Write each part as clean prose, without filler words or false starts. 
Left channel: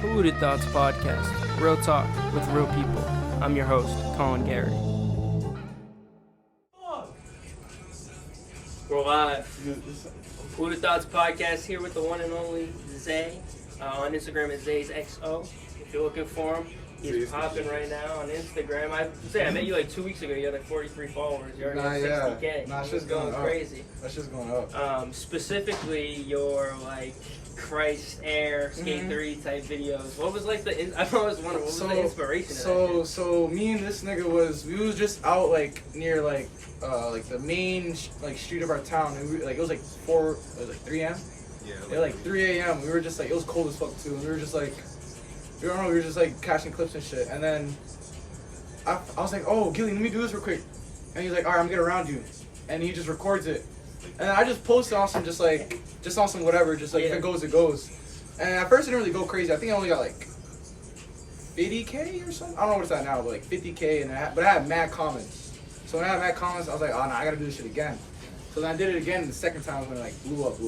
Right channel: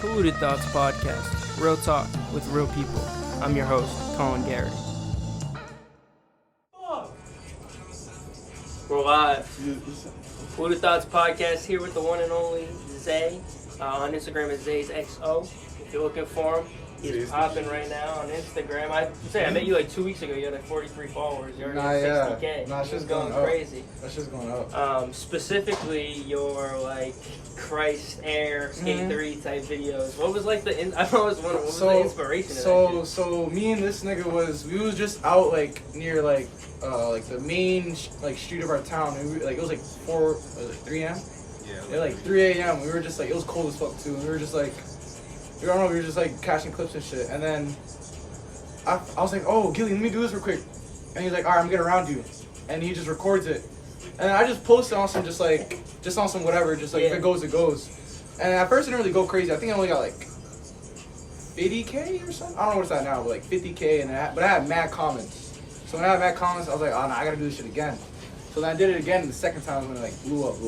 Polluted Thoughts Podcast, real talk with real people. I'm your host, Colin Garrett. We're live. Polluted Thoughts Podcast here with the one and only Zaye. On Instagram at Zayesxo. If you're looking for him, he's popping right now on Instagram. I met you like 2 weeks ago. You had like 43 followers. You're already at 60K. Nah, it's just going crazy. That's just going up. Specifically, your like Christ Air Skate 3 type videos. What was like the? I always wondered what was the inspiration of that? So me and this nigga was just out like near like the main like street of our town. And it was like 3 a.m. Yeah, like 3 a.m. We were just like, it was cold as fuck too. And we were just like, we were just like catching clips and shit. And then I was like, oh, Gilly, let me do this real quick. And he's like, all right, I'm getting around you. And he just records it. And I just posted on some just on some whatever, just like if it goes, it goes. And at first it didn't really go crazy. I think I only got like 50K or something. I don't know what's that now, but like 50K. But I had mad comments. So when I had mad comments, I was like, oh no, I gotta do this shit again. So then I did it again the second time when it like blew up.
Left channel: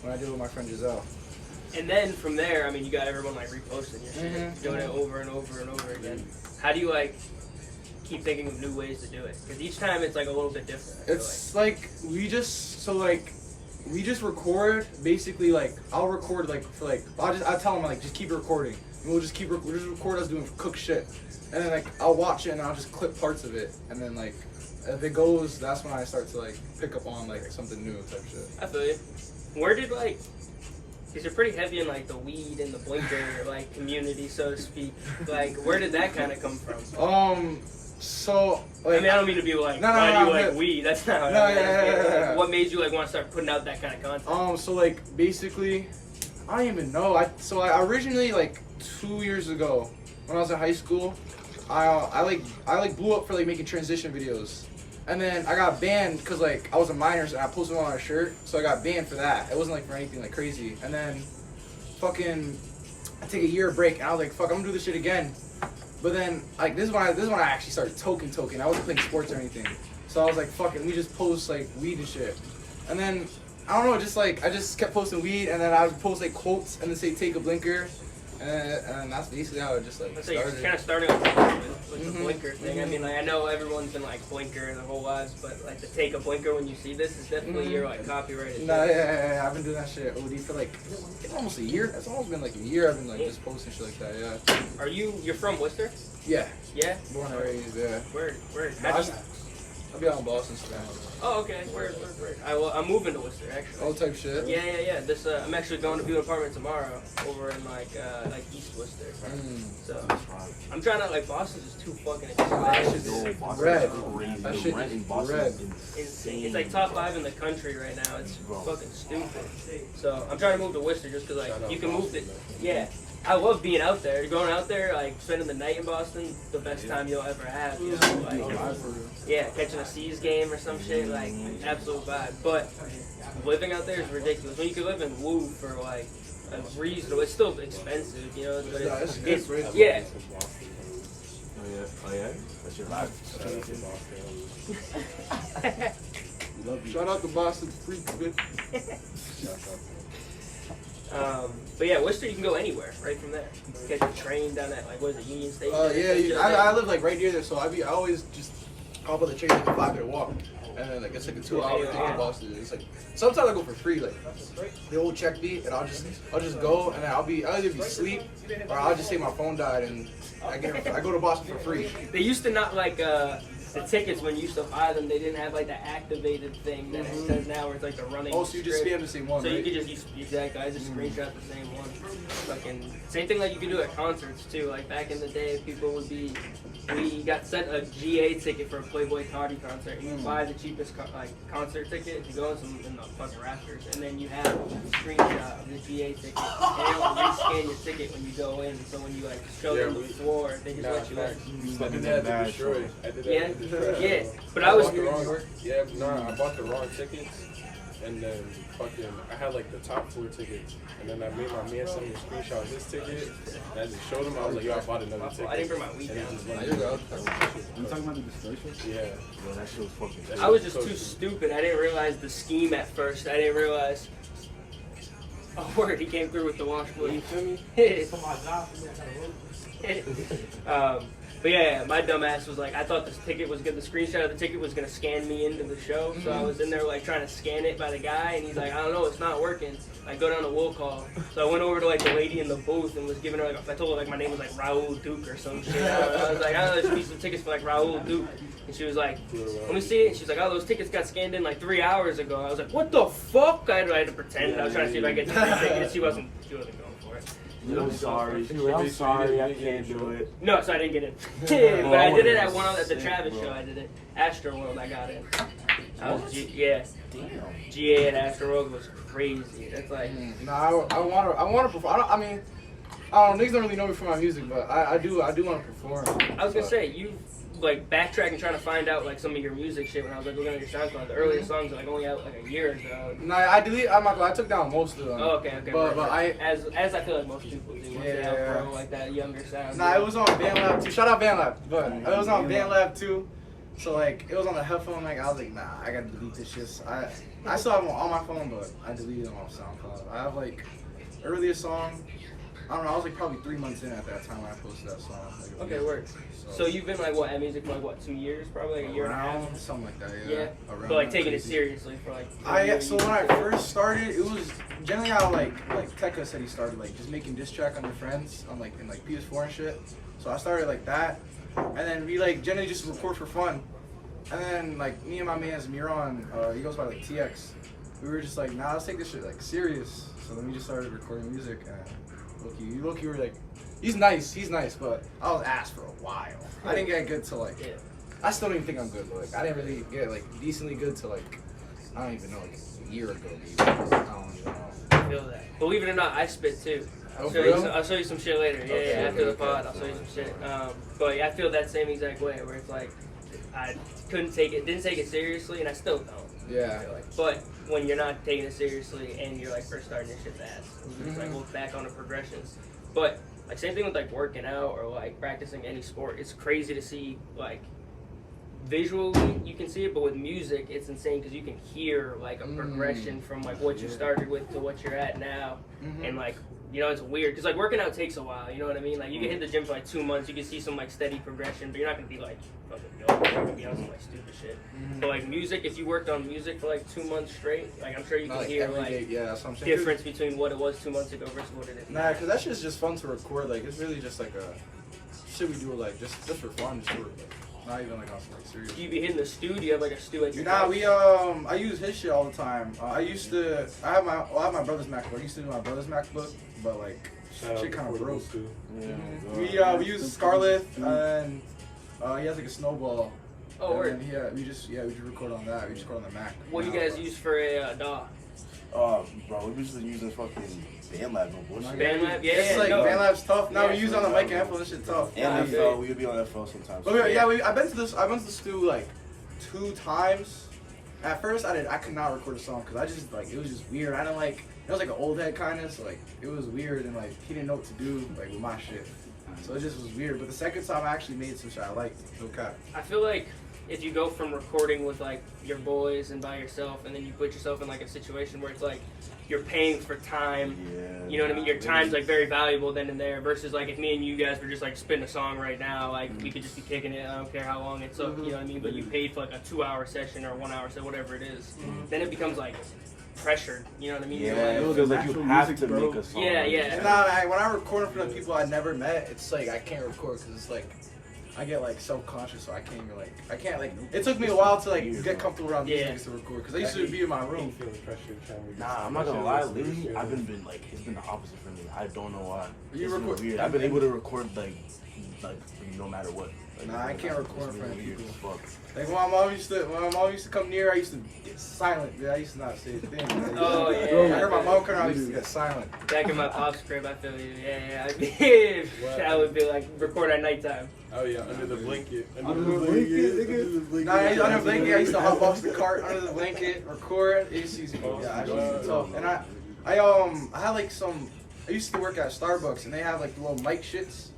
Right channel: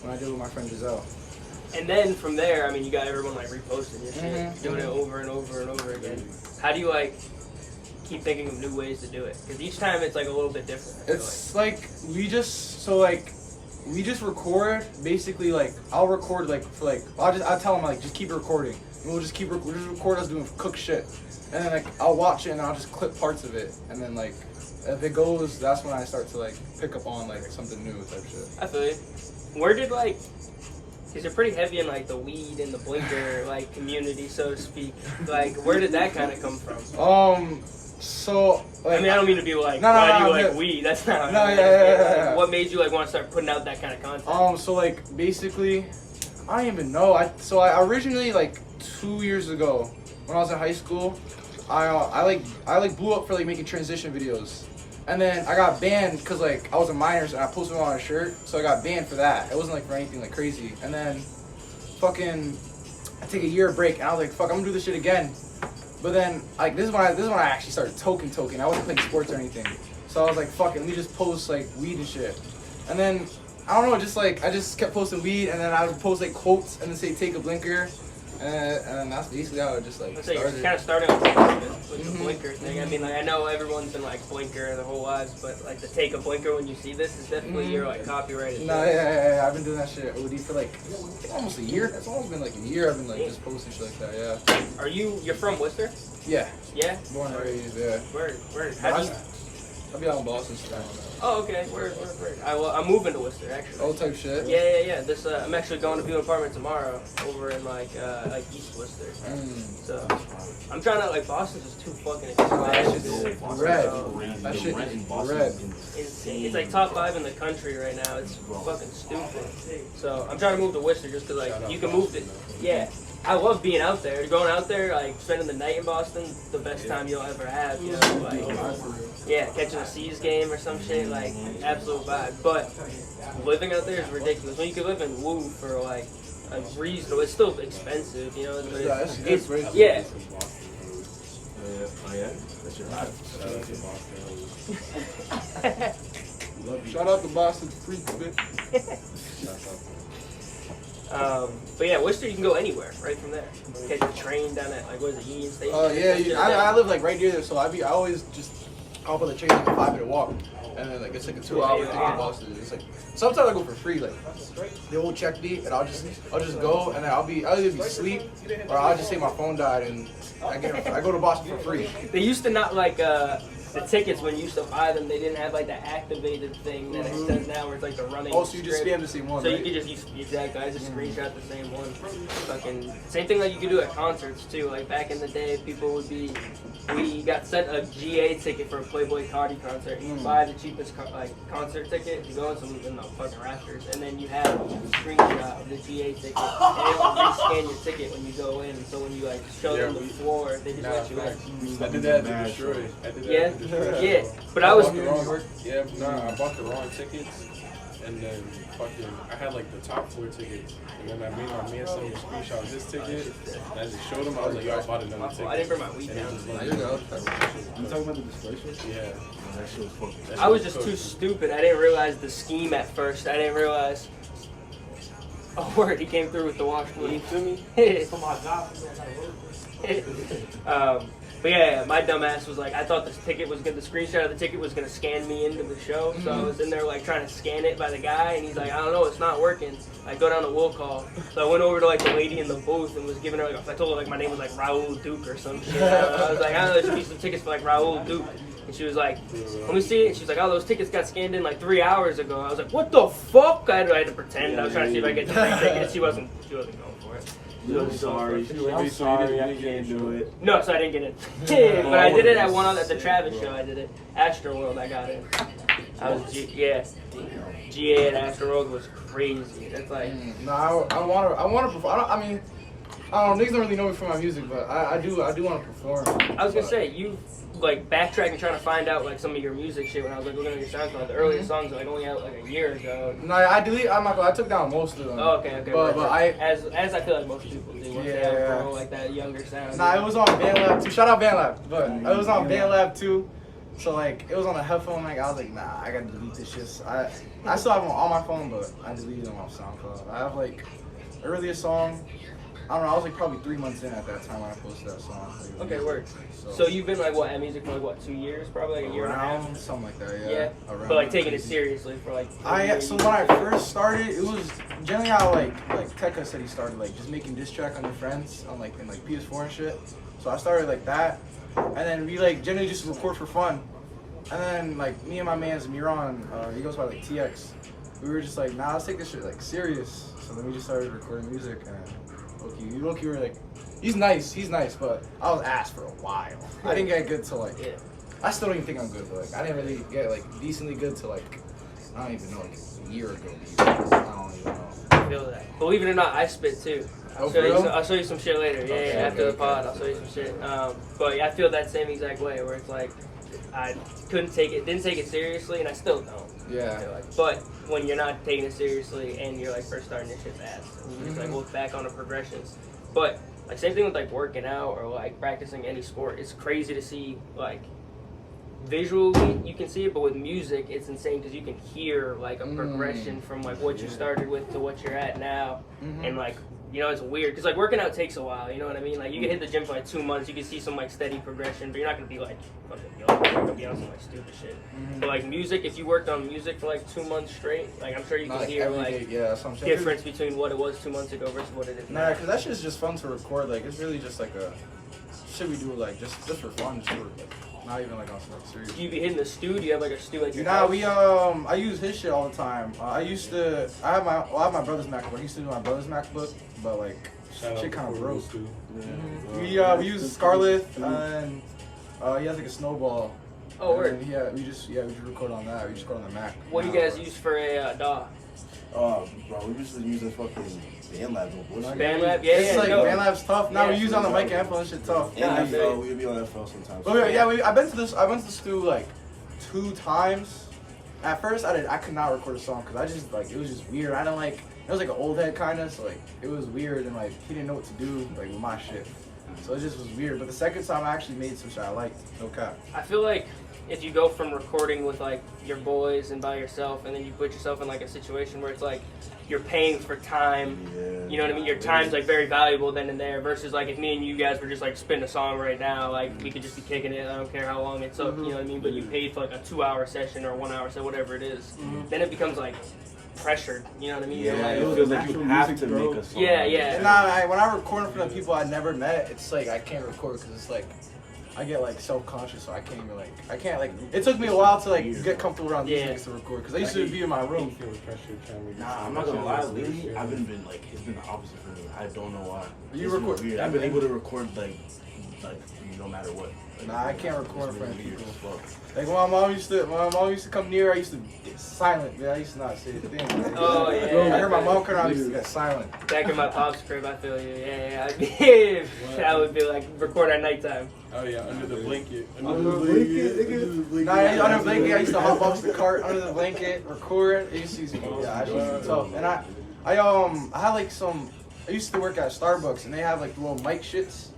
When I did it with my friend Giselle. And then from there, I mean, you got everyone like reposting your shit, doing it over and over and over again. How do you like keep thinking of new ways to do it? Because each time it's like a little bit different. It's like we just record basically like I'll record like for like I'll tell them like just keep recording and we'll just record us doing cook shit and then like I'll watch it and I'll just clip parts of it and then like if it goes, that's when I start to like pick up on like something new type shit. I feel you. Where did like, because you're pretty heavy in like the weed and the blinker like community, so to speak. Like, where did that kind of come from? So like, I mean, I don't mean to be like, no, why do you like weed? That's not. No, yeah. What made you like want to start putting out that kind of content? So like basically, I don't even know. I originally like 2 years ago when I was in high school, I blew up for like making transition videos. And then I got banned because like I was a minor and I posted it on a shirt, so I got banned for that. It wasn't like for anything like crazy. And then fucking I take a year break and I was like, fuck, I'm gonna do this shit again. But then like this is when I actually started toking. I wasn't playing sports or anything. So I was like, fuck it, let me just post like weed and shit. And then I don't know, I just kept posting weed and then I would post like quotes and then say take a blinker. And that's basically how it just like started. You kind of started with the blinker thing. I mean, like I know everyone's been like blinker their whole lives, but like to take a blinker when you see this is definitely your like copyrighted. No, yeah, I've been doing that shit OD for like almost a year. It's almost been like a year. I've been like just posting shit like that. Yeah. You're from Worcester? Yeah. Yeah. Born and raised. Yeah. Where? I'll be out in Boston today. Oh, okay. Where? I'm moving to Worcester, actually. Old type shit? Yeah. This, I'm actually going to view an apartment tomorrow over in, like East Worcester. So, I'm trying to, like, Boston's just too fucking expensive. That shit is red. That shit is red. It's like top 5 in the country right now. It's fucking stupid. So, I'm trying to move to Worcester just because, like, you can move it. Yeah. I love being out there. Going out there, like spending the night in Boston, the best time you'll ever have. You know, like catching a C's game or some shit, like absolute vibe. But living out there is ridiculous. When you could live in Woo for like a reasonable, it's still expensive, you know. But it's good. Yeah. Oh yeah. That's your vibe. Shout out to Boston freaks, bitch. But yeah, Worcester, you can go anywhere right from there. Catch a train down at like what is it, Union Station? Oh yeah, I live like right near there, so I always just hop on the train. It's a 5-minute walk, and then like it's like a 2-hour thing in Boston. It's like sometimes I go for free, like they won't check me, and I'll just go, and then I'll either be asleep or I'll just say my phone died, and I go to Boston for free. They used to not like the tickets when you used to buy them, they didn't have like the activated thing that it says now where it's like the running. Oh, so you just spam the same one, so right? you could just use, exactly, I just screenshot the same one. Fucking same thing like you could do at concerts too. Like back in the day, people would be, we got sent a GA ticket for a Playboy Cardi concert. You buy the cheapest concert ticket, you go in the fucking rafters, and then you have a screenshot of the GA ticket, and they don't rescan your ticket when you go in. So when you like show them the floor, they just let you in. I did that to Destroy. Yeah, but I was I bought the wrong tickets, and then I had like the top 4 tickets, and then I made my man send me a screenshot of his ticket, and I just showed him. I was like, yo, I bought another ticket. I didn't bring my weed down. You talking about the dispersion? Yeah. That shit was fucking. I was just too stupid. I didn't realize the scheme at first. I didn't realize Oh, word, he came through with the wash flip. You feel me? But yeah, my dumb ass was like, I thought this ticket was good. The screenshot of the ticket was gonna scan me into the show. So I was in there like trying to scan it by the guy, and he's like, I don't know, it's not working. I go down to will call. So I went over to like the lady in the booth and was giving her like, I told her like my name was like Raul Duke or some shit. I was like, I don't know, there should be some tickets for like Raul Duke. And she was like, let me see it. She was like, oh, those tickets got scanned in like 3 hours ago. I was like, what the fuck? I had to pretend. I was trying to see if I could get the ticket. She wasn't going for it. I'm sorry. I'm sorry. I can't do it. No, so I didn't get in. But I did it at the Travis show. I did it. Astroworld, I got in. I was GA at Astroworld was crazy. That's like No, I want to perform. I mean, I don't know. Niggas don't really know me for my music, but I do want to perform. I was gonna say you like backtracking trying to find out like some of your music shit when I was like looking at your SoundCloud. The earliest songs are like only out like a year ago. No, I deleted. I'm not gonna. I took down most of them. Oh, okay. But as I feel like most people do. Once they outgrow like that younger sound. Nah, it was on BandLab too. Shout out BandLab, but it was on BandLab too. So like it was on the headphone. Like I was like, nah, I gotta delete this shit. So I still have them on my phone, but I deleted them off SoundCloud. I have like earliest song. I don't know. I was like probably 3 months in at that time when I posted that song. Like, Okay, word. So you've been like what at music for like what 2 years, probably like a year and a half, something like that. Yeah. Yeah. Around But like taking it crazy. seriously for like. So when I first started, it was generally how like Tekka said he started like just making diss track on your friends on like in like PS4 and shit. So I started like that, and then we like generally just record for fun. And then like me and my man's Miron, he goes by like TX. We were just like, nah, let's take this shit like serious. So then we just started recording music, and Loki were like, he's nice, but I was ass for a while. I didn't get good till like, I still don't even think I'm good, but like I didn't really get like decently good till like, I don't even know, like a year ago maybe. I don't even know. I feel that. Believe it or not, I spit too. I'll show you some shit later. After the pod, I'll show you some shit. But yeah, I feel that same exact way where it's like I didn't take it seriously, and I still don't. Yeah. But when you're not taking it seriously and you're like first starting this shit's ass, and you just like look back on the progressions. But like same thing with like working out or like practicing any sport. It's crazy to see like visually you can see it, but with music it's insane because you can hear like a progression from like what you started with to what you're at now, and like. You know, it's weird because like working out takes a while. You know what I mean? Like you can hit the gym for like 2 months, you can see some like steady progression, but you're not gonna be like fucking yo, you're gonna be on some like stupid shit. But like music, if you worked on music for like 2 months straight, like I'm sure you can hear like that's what I'm saying. difference between what it was 2 months ago versus what it is now. Nah, because that shit's just fun to record. Like it's really just like a shit we do like just for fun, just for like not even like on some like serious. Do you be hitting the stew? Do you have like a stew at your Nah, house? we I use his shit all the time. I have my brother's MacBook. I used to do my brother's MacBook, but like shit kind of broke. We use Scarlett and he has like a Snowball. Oh, word. Yeah, we just record on that. We just record on the Mac. What do you guys use for a DAW? Bro, we used to use this fucking BandLab. BandLab, yeah. It's like BandLab's tough. Now we use on the mic and headphones. Shit tough. Yeah, we would be on that phone sometimes. But I went to the studio like 2 times. At first, I could not record a song because I just like it was just weird. I didn't like it was like an old head kind of, so like it was weird and like he didn't know what to do like with my shit. So it just was weird. But the second time I actually made some shit I liked. No cap. I feel like if you go from recording with like your boys and by yourself, and then you put yourself in like a situation where it's like you're paying for time, you know what I mean? Your time's like very valuable then and there. Versus like if me and you guys were just like spinning a song right now, like we could just be kicking it. I don't care how long it took, you know what I mean? But you paid for like a 2-hour session or a 1-hour session, whatever it is. Then it becomes like pressured, you know what I mean? Yeah, it feels like you have to make a song. Yeah. Nah, when I record in front of people I never met, it's like I can't record because it's like I get like self-conscious, so I can't it took me a while to like get comfortable around these niggas to record because I used to be in my room. Nah, I'm not gonna lie, lately I've been like it's been the opposite for me. I don't know why. You record? Weird. I've been able to record like no matter what. Like, Nah, I can't record in front of people. Fuck. Like when my mom used to come near, I used to get silent. Man, I used to not say a thing. Like, Oh, yeah. I heard my mom come around, I used to get silent. Back in my pop's crib, I feel you. Yeah. That would be like record at nighttime. Oh yeah, under the blanket. Nah, under the blanket, I used to hop off the cart under the blanket, record. It used to be tough. And I had like I used to work at Starbucks, and they have like the little mic shits.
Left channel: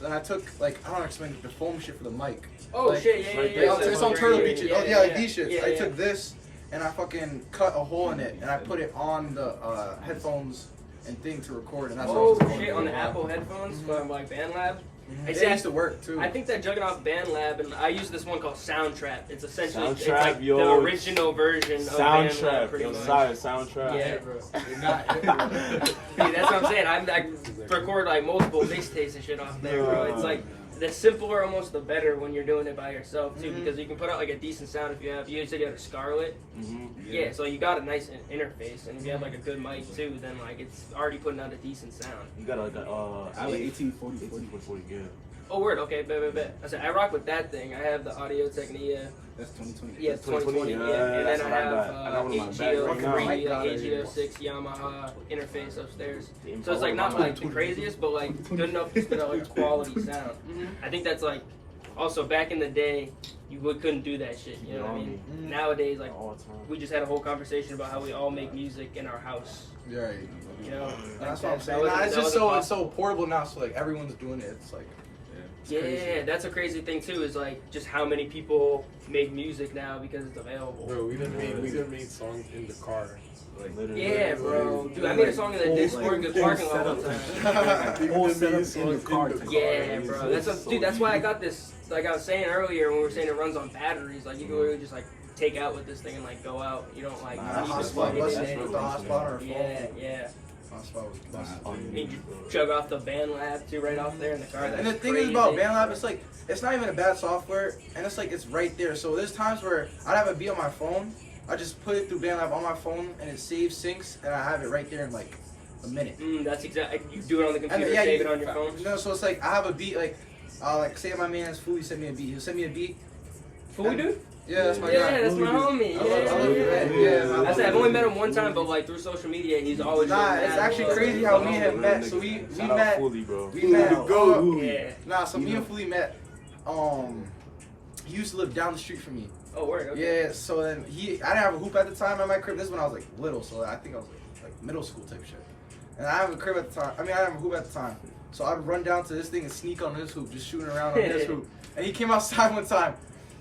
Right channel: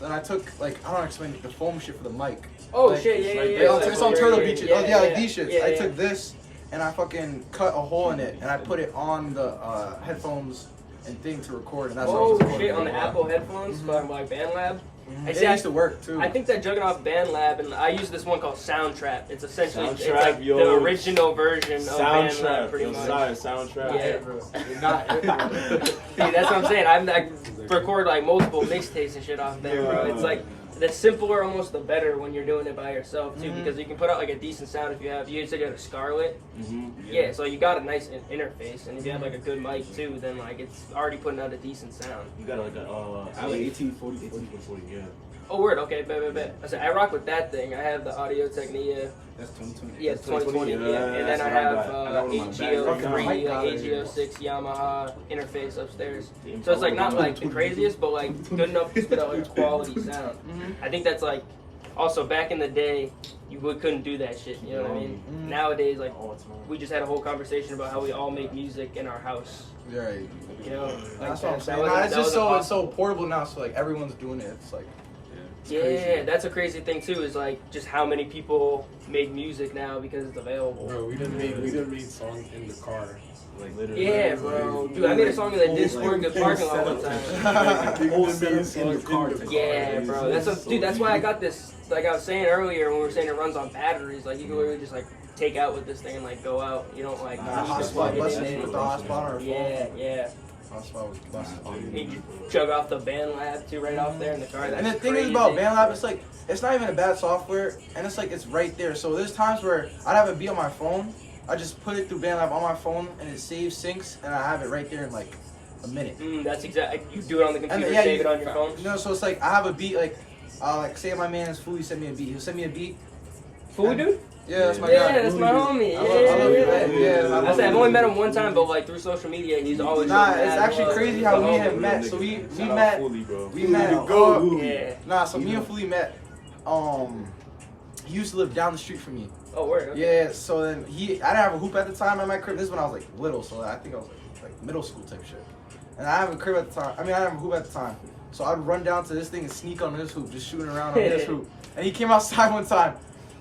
And I took like I don't explain it, the foam shit for the mic. Oh like, shit, yeah. It's on Turtle Beaches. Like these shits. Yeah, I took this and I fucking cut a hole in it and I put it on the headphones and thing to record, and that's Oh what I was shit! On the recording. Apple headphones from like BandLab. I It used to work too. I think that Juggernaut BandLab, and I use this one called Soundtrap. It's essentially it's Soundtrap, like yo. the original version of BandLab, Soundtrap, pretty yo, much. Soundtrap. Yeah. See, that's what I'm saying. I record like multiple mixtapes and shit off there, bro. It's like the simpler, almost the better when you're doing it by yourself too, because you can put out like a decent sound if you have. You said you had a Scarlett. Yeah, so you got a nice interface, and if you have like a good mic too, then like it's already putting out a decent sound. You got like a Alley 1840, yeah. Oh, word. Okay, bet. I said I rock with that thing. I have the Audio Technica. That's 2020. Yeah, 2020. Yeah, and then I have AGO6 Yamaha interface upstairs. So it's like not like the craziest, but like good enough to put out like quality sound. I think that's like also back in the day you couldn't do that shit. You know what I mean? Nowadays, like we just had a whole conversation about how we all make music in our house. Right. You know, That's like what I'm saying. It's just so portable now. So like everyone's doing it. It's like. Yeah, that's a crazy thing too. Is like just how many people make music now because it's available. Bro, we done made songs in the car. Like literally. Yeah, bro. Dude, I made a song in the Discord in the parking lot one time. Yeah, bro. That's why I got this. Like I was saying earlier when we were saying it runs on batteries. Like you can literally just like take out with this thing and like go out. You don't like. Hotspot with the hotspot or Yeah. Hotspot was busted. You chug off the BandLab too right off there in the car. And the thing is about BandLab, it's like it's not even a bad software, and it's like it's right there. So there's times where I'd have a beat on my phone, I just put it through BandLab on my phone, and it saves syncs, and I have it right there in like a minute. That's exactly. You do it on the computer, And then, save it on your phone. You know, so it's like I have a beat, like say my man's Fooey sent me a beat. He'll send me a beat. Fooey dude? Yeah, that's my guy. Yeah, that's my homie. I love Yeah. him. I've only met him one time, but like through social media, he's always. Nah, it's actually crazy how me and him met. So we met. Nah, so me and Fooey met. He used to live down the street from me. Oh, word. Okay. Yeah, so then I didn't have a hoop at the time at my crib. This is when I was like little, so I think I was like middle school type shit. And I didn't have a crib at the time. I didn't have a hoop at the time. So I'd run down to this thing and sneak on his hoop, just shooting around on his hoop. And he came outside one time,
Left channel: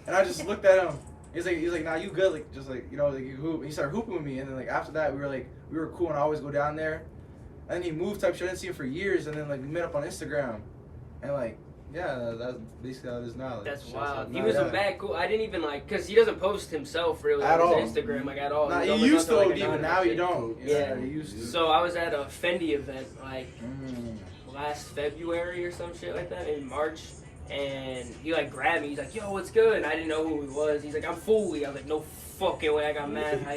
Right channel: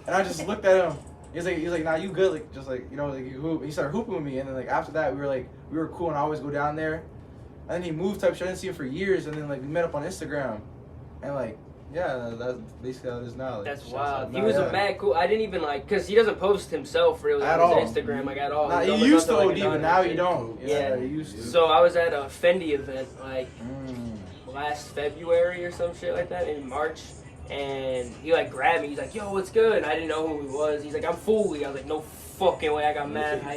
and I just looked at him. He's like, nah, you good, like, just like, you know, like, you hoop. And he started hooping with me, and then like after that, we were cool, and I always go down there. And then he moved type shit. I didn't see him for years, and then like we met up on Instagram, and like. Yeah, that's basically how it is now. Like, that's wild. He was a mad cool. I didn't even like, cause he doesn't post himself really at on all. his Instagram like at all. Nah, he used to OD, but now he don't. Yeah, he used to. So I was at a Fendi event like last February or some shit like that in March, and he like grabbed me. He's like, "Yo, what's good?" And I didn't know who he was. He's like, "I'm Fooey." I was like, "No fucking way!" I got mad. I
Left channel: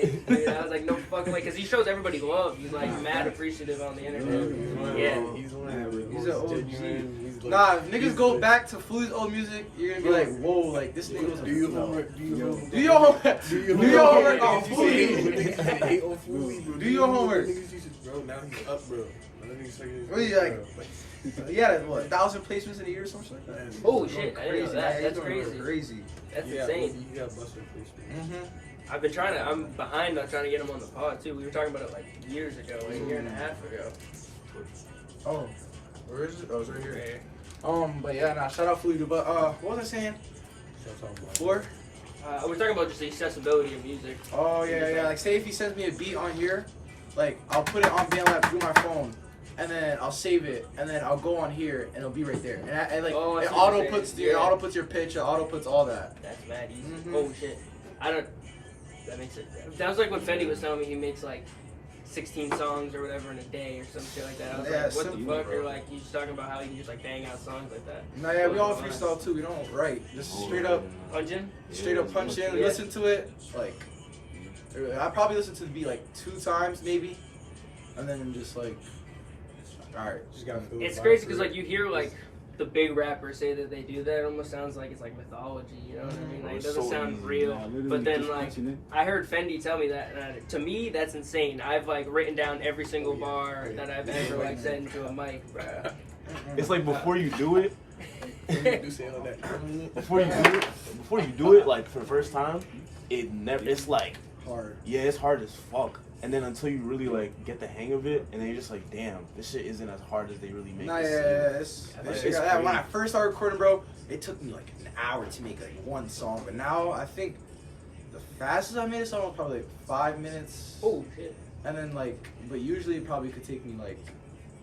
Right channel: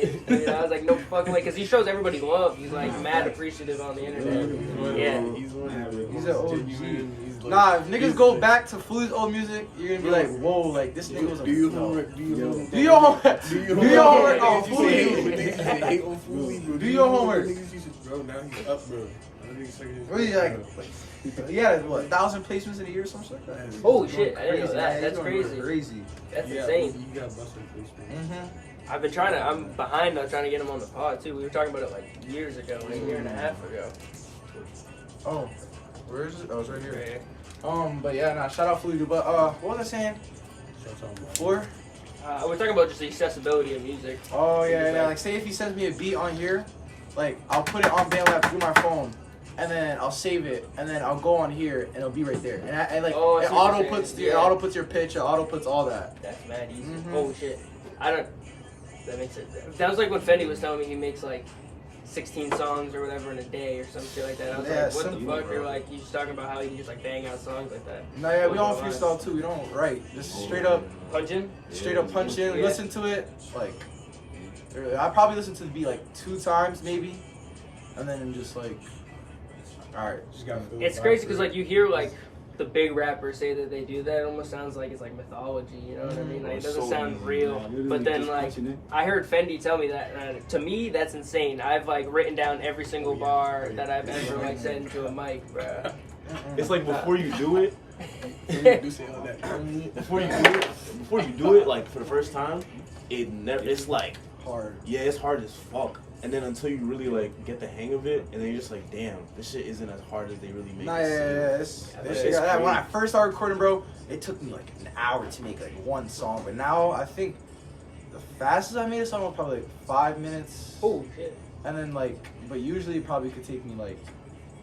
was like, "No fucking way," because he shows everybody love. He's like mad appreciative on the internet. Yeah, he's an OG. Nah, if niggas go back to Fooey's old music, you're gonna be like, whoa, like this nigga was a. Do your homework on Fooey. Do your homework. Bro, now he's up, bro. What you like? Yeah, what 1,000 placements in a year or something like that? Oh shit! I didn't know that. That's crazy. That's insane. You got busted placements. I've been I'm behind on trying to get him on the pod too. We were talking about it like years ago, like a year and a half ago. Oh, where is it? Oh, it's right here. But yeah, nah, shout out Fooey. But what was I saying? Before? We're talking about just the accessibility of music. Oh yeah. Like say if he sends me a beat on here, like I'll put it on BandLab through my phone, and then I'll save it, and then I'll go on here, and it'll be right there. And like it auto puts your pitch, it auto puts all that. That's mad easy. Holy shit! That makes it. That was like when Fendi was telling me he makes like 16 songs or whatever in a day or some shit like that. I was like, what the fuck? You're like, you just talking about how you can just like bang out songs like that. No, yeah, we all freestyle too. We don't write. Just straight up punch in. Straight up punch in. We listen to it like. I probably listen to the beat like 2 times maybe, and then just like, all right. Just gotta feel it's crazy because like you hear like the big rappers say that they do that. It almost sounds like it's like mythology. You know what I mean? Like, it doesn't sound real. But then like I heard Fendi tell me that. To me, that's insane. I've like written down every single bar that I've ever like said into a mic, bro. It's like before you do it. Before you do it, like for the first time, it's like hard. Yeah, it's hard as fuck. And then until you really like get the hang of it, and then you're just like, damn, this shit isn't as hard as they really make it seem. When I first started recording, bro, it took me like an hour to make like one song. But now I think the fastest I made a song was probably like 5 minutes. Oh shit. and then like, but usually it probably could take me like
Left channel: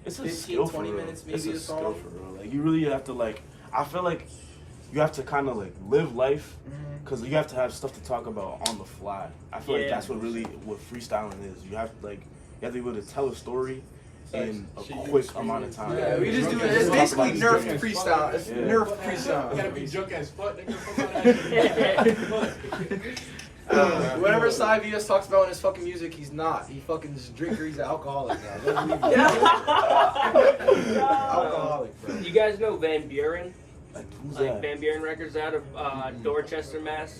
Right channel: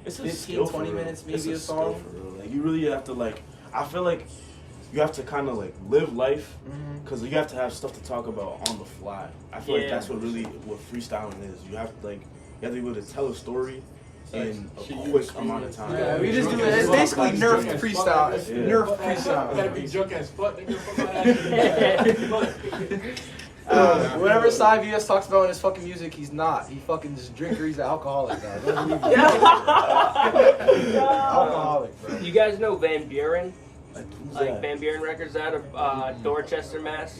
It's a 15, skill 20 for real. minutes, It's maybe a skill song. for real. Like you really have to like. I feel like you have to kind of like live life because you have to have stuff to talk about on the fly. I feel like that's what freestyling is. You have to like you have to be able to tell a story in a quick amount of time. Yeah, we just do it. It's basically Nerf freestyle. It's Nerf You gotta freestyle. be joke as fuck, nigga. Whatever Cy Vs talks about in his fucking music, he's not. He fucking just drinker. He's an alcoholic, guys. Don't believe me. Alcoholic, bro. You guys know Van Buren? Like that? Van Buren Records out of Dorchester, Mass.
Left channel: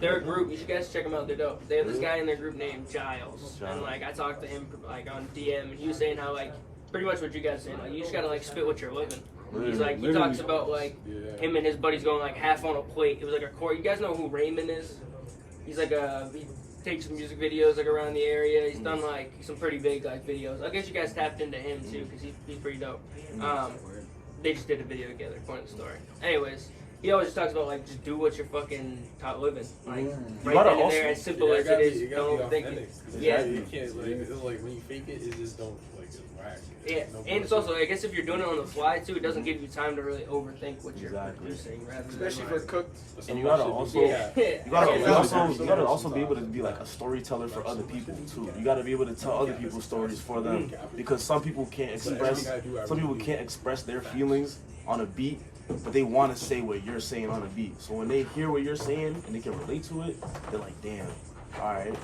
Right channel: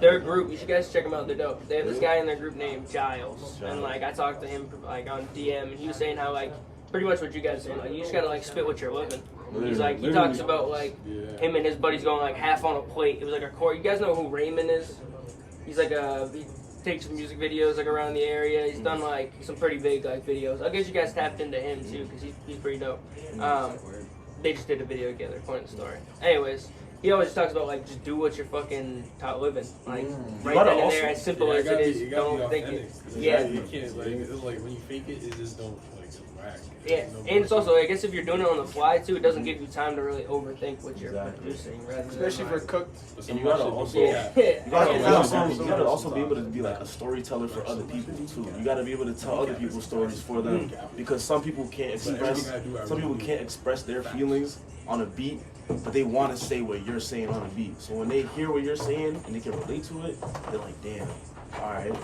They're a group. You should guys check them out. They're dope. They have this guy in their group named Giles, and like I talked to him like on DM, and he was saying how like pretty much what you guys are saying. Like you just gotta like spit what you're living. He's like he talks about like him and his buddies going like half on a plate. It was like a chord. You guys know who Raymond is? He's like he takes some music videos like around the area. He's done like some pretty big like videos. I guess you guys tapped into him too because he's pretty dope. They just did a video together, point story. Anyways, he always talks about like just do what you're fucking taught living. Like right then and there, as simple as it is, don't think it. Yeah, you can't like it's like when you fake it, it just don't like it's whack. Yeah, and it's also I guess if you're doing it on the fly too, it doesn't give you time to really overthink what you're producing. Rather Especially than for cooked. You gotta also, yeah. you gotta also be able to be like a storyteller for other people too. You gotta be able to tell other people's stories for them because some people can't express their feelings on a beat, but they want to say what you're saying on a beat. So when they hear what you're saying and they can relate to it, they're like, damn, all right,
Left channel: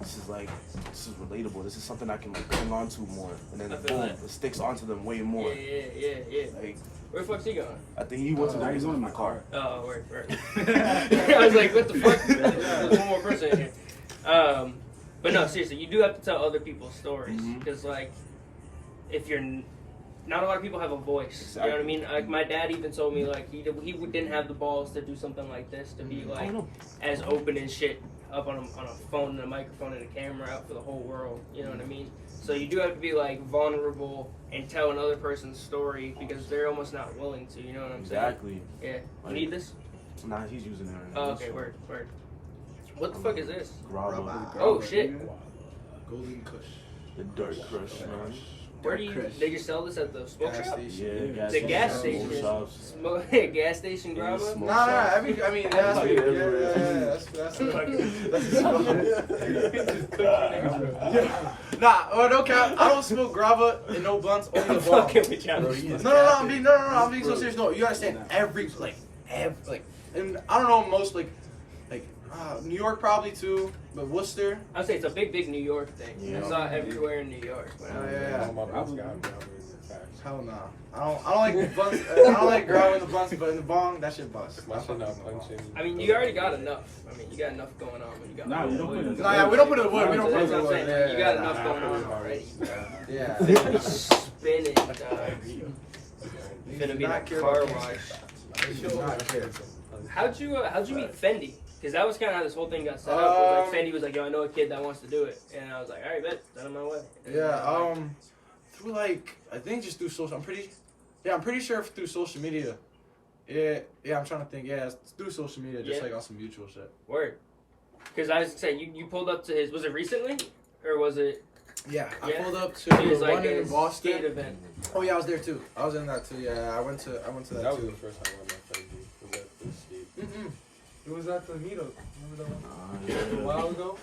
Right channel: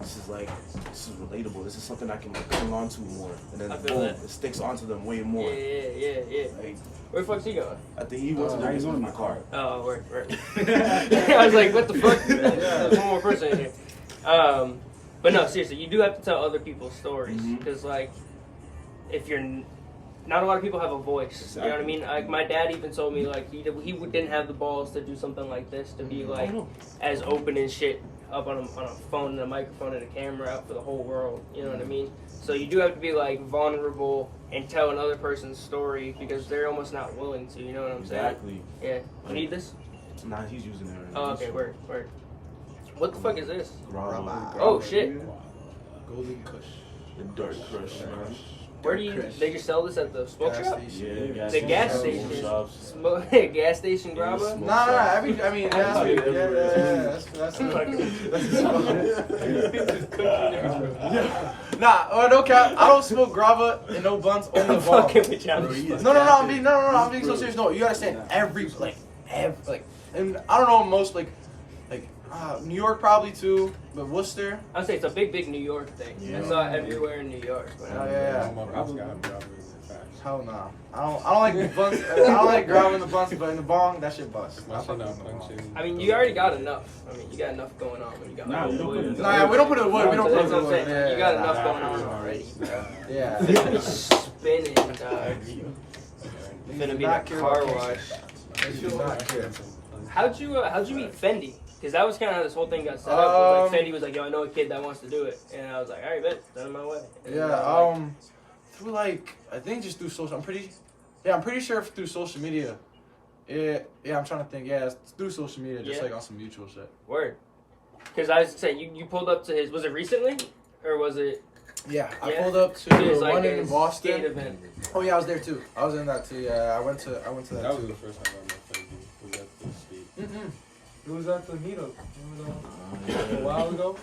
this is relatable. This is something I can like cling on to more, and then it sticks onto them way more. Yeah. Like, Where the fuck's he going? I think he went to Arizona in my car. Oh, right. I was like, what the fuck? There's one more person in here. But no, seriously, you do have to tell other people's stories because, like, if you're not a lot of people have a voice. You know what I mean? Like my dad even told me like he didn't have the balls to do something like this to be like as open and shit up on a phone and a microphone and a camera out for the whole world. You know what I mean? So you do have to be like vulnerable and tell another person's story because they're almost not willing to. You know what I'm saying? Exactly. Yeah. You need this? Nah, he's using it right now. Oh, okay. Word. What the fuck is this? Grabba. Oh shit. Golden Kush. The Dirt Crush, man. Where do they just sell this at the smoke shop? Yeah, The gas station. Gas station grabba? Nah, I mean, that's Nah, no cap. I don't smoke grabba and no blunts, only the bong. I'm being so serious. No, you understand every, and I don't know most New York probably too, but Worcester. I'd say it's a big New York thing. Yeah. I saw it everywhere in New York. Yeah. My boss got grabba in the facts. Hell nah. I don't like the blunts. I don't like grabba in the blunts, but in the bong, that shit bust. My shit not punching. I mean, you already got enough. I mean, you got enough going on when you got. Nah, we don't put it in the Nah, we don't put it in the wood. We don't put it in That's the what I'm wood. saying. You got enough going on already. Yeah. Spinning, dog. It's gonna be a car wash. They do not care. How'd you meet Fendi? Because that was kind of how this whole thing got set up. Like Fendi was like, yo, I know a kid that wants to do it. And I was like, all right, bet, send him my way. And through I think just through social, I'm pretty sure through social media. Yeah, I'm trying to think. Yeah, it's through social media, just like on some mutual shit. Word. Because I was saying, you pulled up to his, was it recently? Or was it? Yeah, I pulled up to his, the one in Boston. Skate event. Oh yeah, I was there too. I was in that too. Yeah, I went to that. That was too. the first time I met Fendi. Was at the skate. It was at the meetup. Remember that a while ago?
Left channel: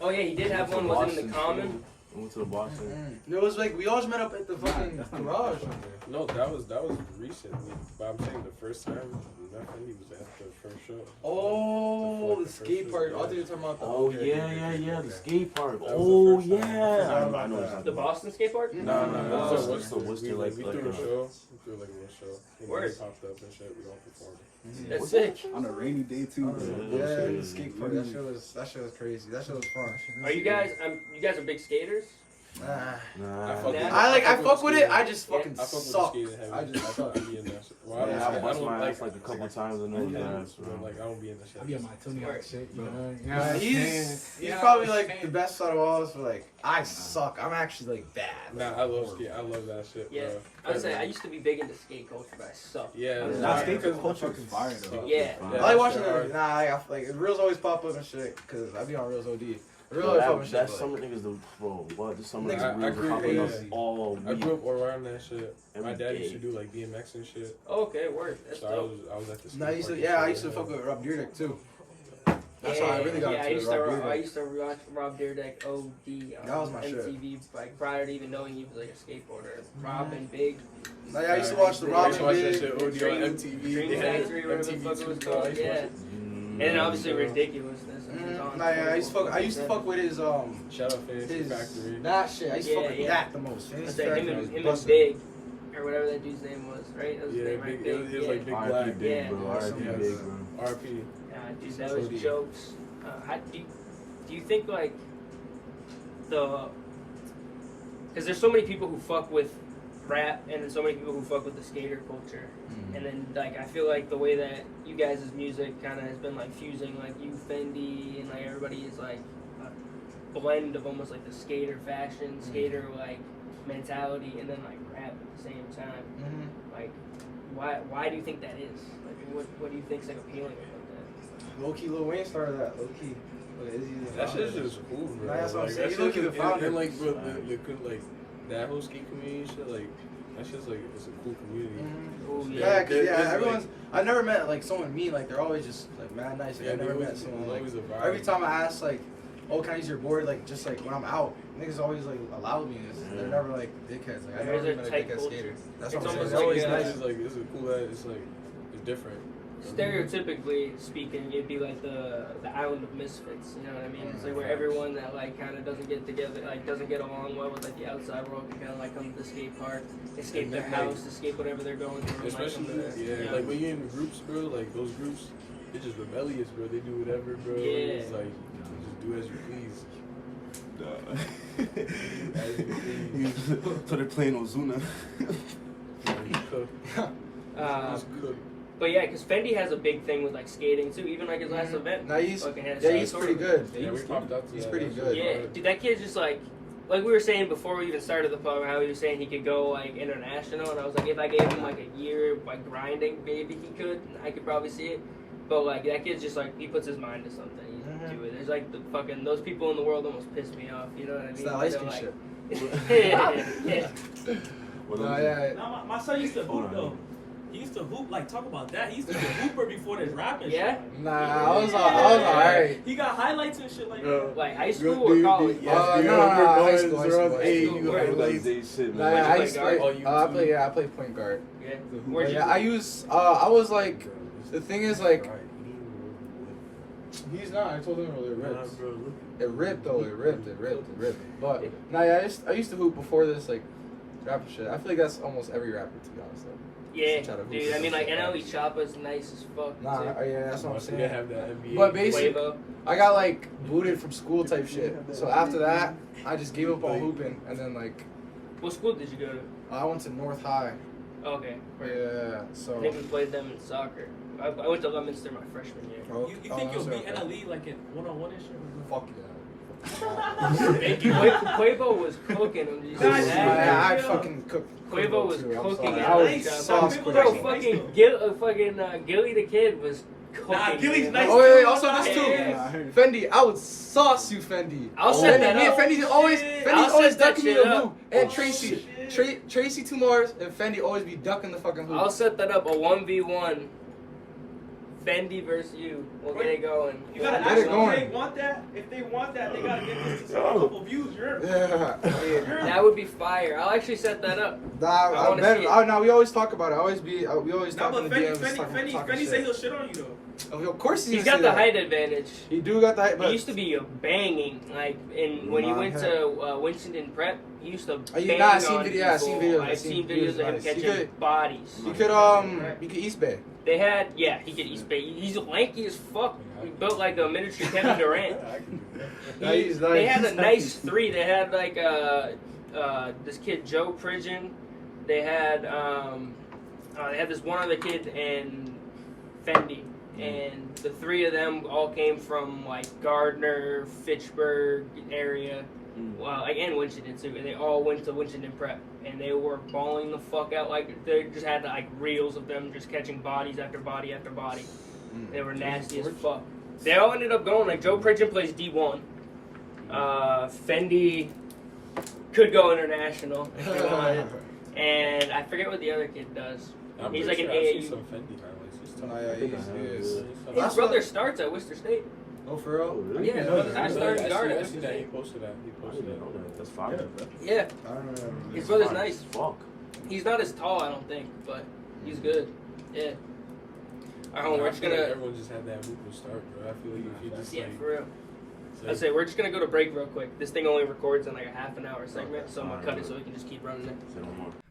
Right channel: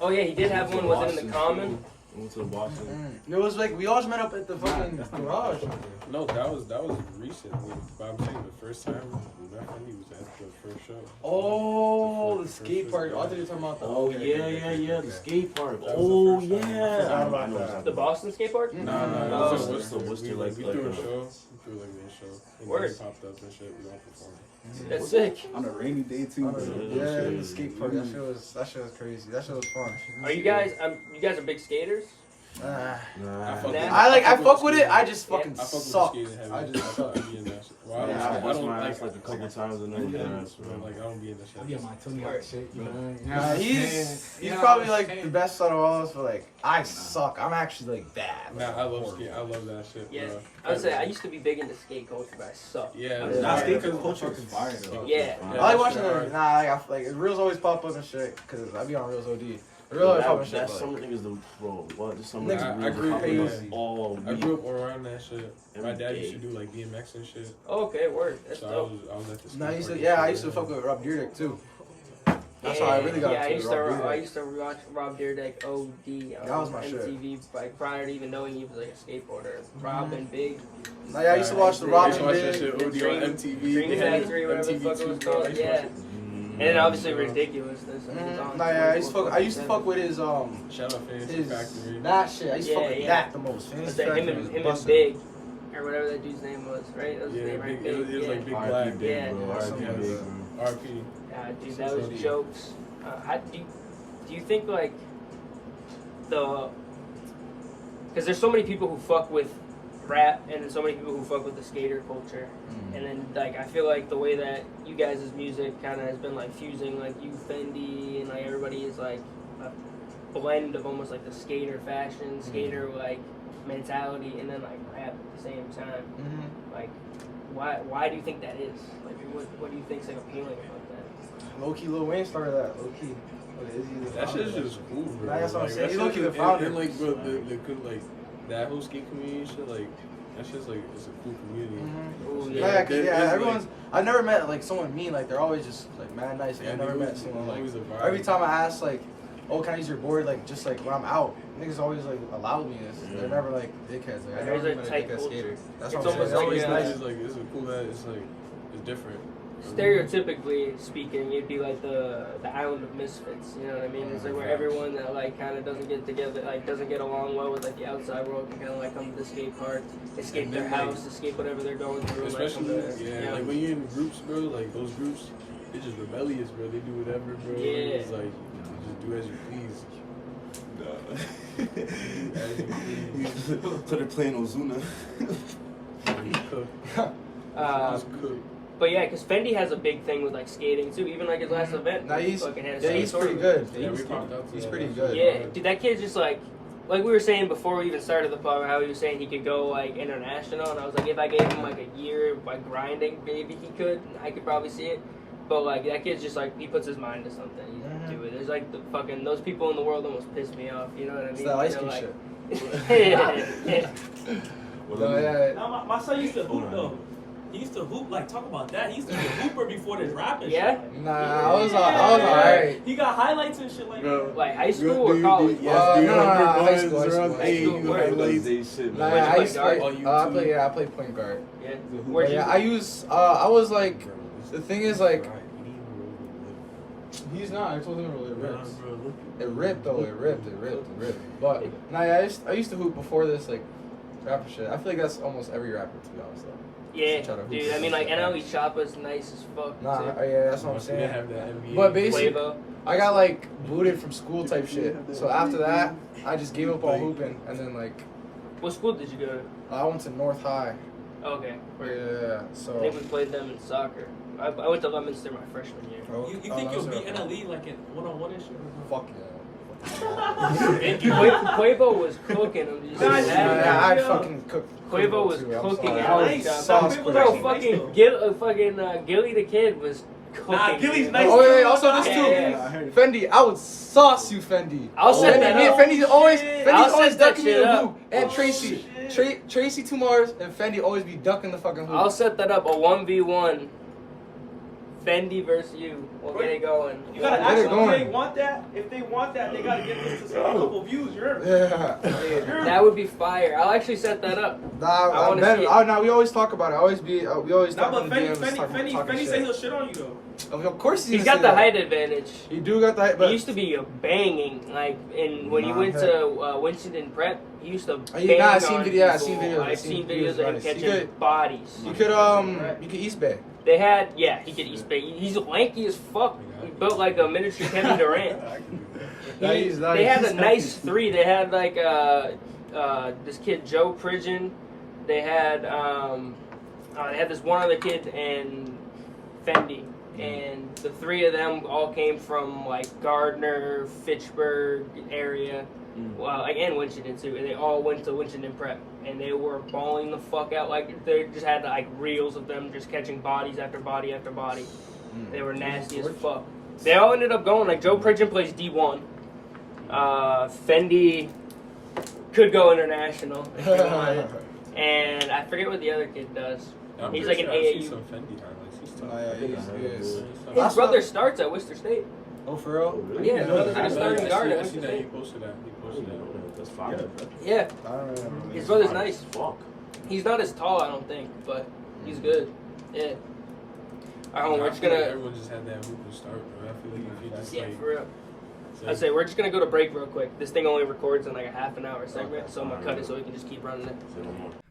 Oh yeah, he did have one. Was it in the common? Went to the Boston. It was like we always met up at the fucking garage. No, that was recently. But I'm saying the first time we met Fendi was at the first show. Oh, the first skate show, park. yeah. I thought you were talking about the. Oh yeah, the skate park. That was the Oh first time. yeah. Forgot about that. The Boston skate park? No, it was Worcester, Worcester. like We threw a show. We threw like a little show. And Word. then he popped up and shit. We all performed. That's sick. On a rainy day too. Yeah, the skate park. That shit was crazy. That shit was fun. Are you guys? You guys are big skaters? Nah. I fuck with it. I just fucking I fuck with suck. skating heavy. I just suck. I be in that shit. Well, Yeah, I don't like like a couple times and then like I don't be in that shit. I be on my Tony Hawk shit, you know. Nah, he's probably like the best out of all of us, but like I suck. I'm actually like bad. Nah, I love skate. I love that shit, Yeah. bro. I would say I used to be big into skate culture, but I suck. Yeah, Nah, skate because culture is fire though. Yeah. I like watching it. Nah, like reels always pop up and shit because I be on reels OD. I really that, fuck with shit. that But, summer like, thing is the pro. What this summer I is grew up really in popping that. up all I week. grew up around that shit. My Every dad day. used to do like BMX and shit. Okay, word. That's So dope. I was at the skate nah, I used park to, and I shit, used to yeah. fuck with Rob Dyrdek too. That's how I really got I into used Rob to Dyrdek. I used to watch Rob Dyrdek OD on That was my shit. MTV, like prior to even knowing he was like a skateboarder. Rob and Big. Like, I used to watch the Rob I used to watch that and shit Big. OD on MTV. Dream They had Factory, whatever the fuck it MTV was 2, bro. I called. used to watch Yeah. it. And then obviously ridiculousness. I mean, it's on Nah, I used to fuck with his Shout out Fantasy his Factory. that shit. I used to fuck with Yeah. that the most. Fantasy Him Factory and, was him and busted. Big, or whatever that dude's name was, right? That was his Yeah, name, right? big, it was like Big R.I.P. Black. Big, Yeah. bro. R.I.P. Yeah. Big, bro. RP. Yeah, dude, that was jokes. How do you think like because there's so many people who fuck with rap and then so many people who fuck with the skater culture, and then like I feel like the way that you guys' music kind of has been like fusing like you Fendi and like everybody is like a blend of almost like the skater fashion, skater like mentality, and then like rap at the same time. Like, why do you think that is? Like, what do you think's like appealing about that? Low key, Lil Wayne started that. Low key. That shit's just cool, bro. Nah, that's what I'm Like, saying. that He low-key shit the is- founder. and like, bro, the good, like, that whole skate community shit, like, that's just like, it's a cool community. Oh, Yeah, There- there's, everyone's. like- I never met like someone mean. Like they're always just like mad nice. Like, Yeah, I never they met always- someone like. always a vibe. Every time I ask like, oh, can I use your board? Like just like when I'm out, niggas always like allowed me this. They're never like dickheads. Like I never There's met a a tight dickhead culture. skater. That's It's what I'm saying. almost They're always like, nice. It's like, it's a cool, it's like, it's different. Stereotypically speaking, it'd be like the island of misfits. You know what I mean? It's like where everyone that like kind of doesn't get together, like doesn't get along well with like the outside world, can kind of like come to the skate park, escape And their then, like, house, escape whatever they're going through. and, like, Especially, come to, yeah, you know, like when you're in groups, bro, like those groups, they're just rebellious, bro. They do whatever, bro. Yeah. It's like, you just do as you please. As you please. Put a clean Ozuna. You cook. Just cook. but yeah, because Fendi has a big thing with like skating too. Even like his last event, Nah, he's fucking had a yeah, he's skate pretty tournament. good. Yeah, we popped up to He's that. pretty That good. shit Yeah, was dude, that kid just like we were saying before we even started the pod, how he was saying he could go like international, and I was like, if I gave him like a year by grinding, maybe he could. I could probably see it. But like that kid's just like he puts his mind to something. He do it. There's like the fucking those people in the world almost piss me off. You know what I mean? It's that ice They're, cream like, shit. yeah. Nah, yeah. Now, my son used to hoop though. He used to hoop, like, talk about that. He used to be a hooper before this rapping Yeah? shit. Nah, I was alright. He got highlights and shit like that. Like high school or college? no, high school, high school. Hey, High you school. highlights. Nah, I used to guard? play. I play point guard. Yeah. But Where'd you yeah, go? I use. I was like, the thing is like, he's not. I told him it ripped. It ripped though. It ripped. But nah, yeah, I used to hoop before this like rapper shit. I feel like that's almost every rapper to be honest though. Yeah, Try to hoop dude. or I mean, some like shit. NLE Choppa's nice as fuck. Nah, too. yeah, that's what I'm We saying. didn't have that NBA. But basically, Quavo. I got like booted from school type shit. So after that, I just gave up all hooping, and then like What school did you go to? I went to North High. Okay. Yeah, I think so. we played them in soccer. I went to Leominster my freshman year. You think you'll beat NLE like in one-on-one and shit? Fuck yeah. Quavo was cooking them. Did you see Nice. that? I fucking cooked. Quavo was too, I'm cooking sorry. it. I was Nice. sauce Quavo Bro, cooking. fucking Gilly the Kid was cooking. Nah, Gilly's man. nice. Oh wait, also this too. Yeah. Fendi, I would sauce you, Fendi. I'll set that Me and up. Fendi's always, I'll always set that ducking me in shit the up. hoop. And Tracy, Tracy Tumars and Fendi always be ducking the fucking hoop. I'll set that up, a 1v1. Fendi versus you. We'll get it going. You gotta Get ask it them if going. they want that. If they want that, they gotta get this to some couple views. You're Yeah. That would be fire. I'll actually set that up. I wanna see it. Nah, we always talk about it. We always Nah, talk but in the Fendi, DMs. talking Fendi say shit. he'll shit on you though. Of course He's gonna got say the that. height advantage. He do got the height, but He used to be a banging, like, when you Nah, went heck. to Winston Prep, he used to bang yeah, I seen on video- I seen people. videos, I've seen videos of him nice. He catching could- bodies. you could East Bay. They had, yeah, he could East Bay. He's lanky as fuck. He built like a miniature Kevin Durant. They had a nice three. They had like this kid Joe Pridgeon. They had this one other kid and Fendi, and the three of them all came from like Gardner, Fitchburg area. And Winchendon too, and they all went to Winchendon Prep, and they were balling the fuck out. Like they just had like reels of them just catching bodies after body after body. They were nasty as fuck. They all ended up going like Joe Pridgeon plays D1. Fendi could go international if they wanted. And I forget what the other kid does. I'm He's pretty like sure an I've seen AAU. some Fendi highlights. He's tough. His brother starts at Worcester State. Oh, for real? Yeah, his brother's I starting guard. seen that. He posted that. That's fire. Yeah, I don't remember. his brother's nice. Fuck. He's not as tall, I don't think, but he's good. Yeah. Alright, we're I just feel like gonna. everyone just had that hoop to start, bro. I feel like if you just Yeah, like, for real. it's I'd like say we're just gonna go to break real quick. This thing only records in like a half an hour segment, so I'm gonna cut it so we can just keep running it.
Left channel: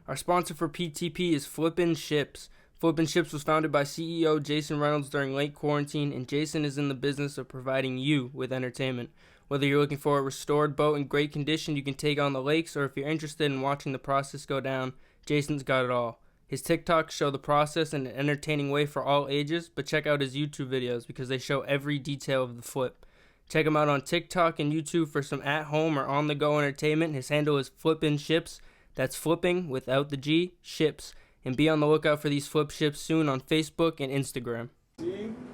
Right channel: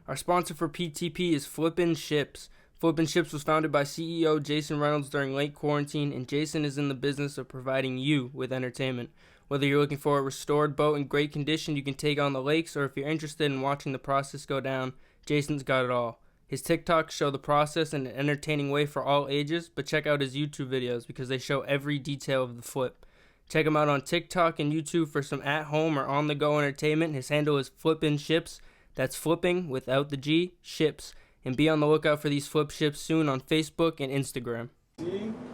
Our sponsor for PTP is Flippin' Ships. Flippin' Ships was founded by CEO Jason Reynolds during late quarantine, and Jason is in the business of providing you with entertainment. Whether you're looking for a restored boat in great condition you can take on the lakes, or if you're interested in watching the process go down, Jason's got it all. His TikToks show the process in an entertaining way for all ages, but check out his YouTube videos because they show every detail of the flip. Check him out on TikTok and YouTube for some at-home or on-the-go entertainment. His handle is Flippin' Ships. That's flipping without the G, ships. And be on the lookout for these flip ships soon on Facebook and Instagram.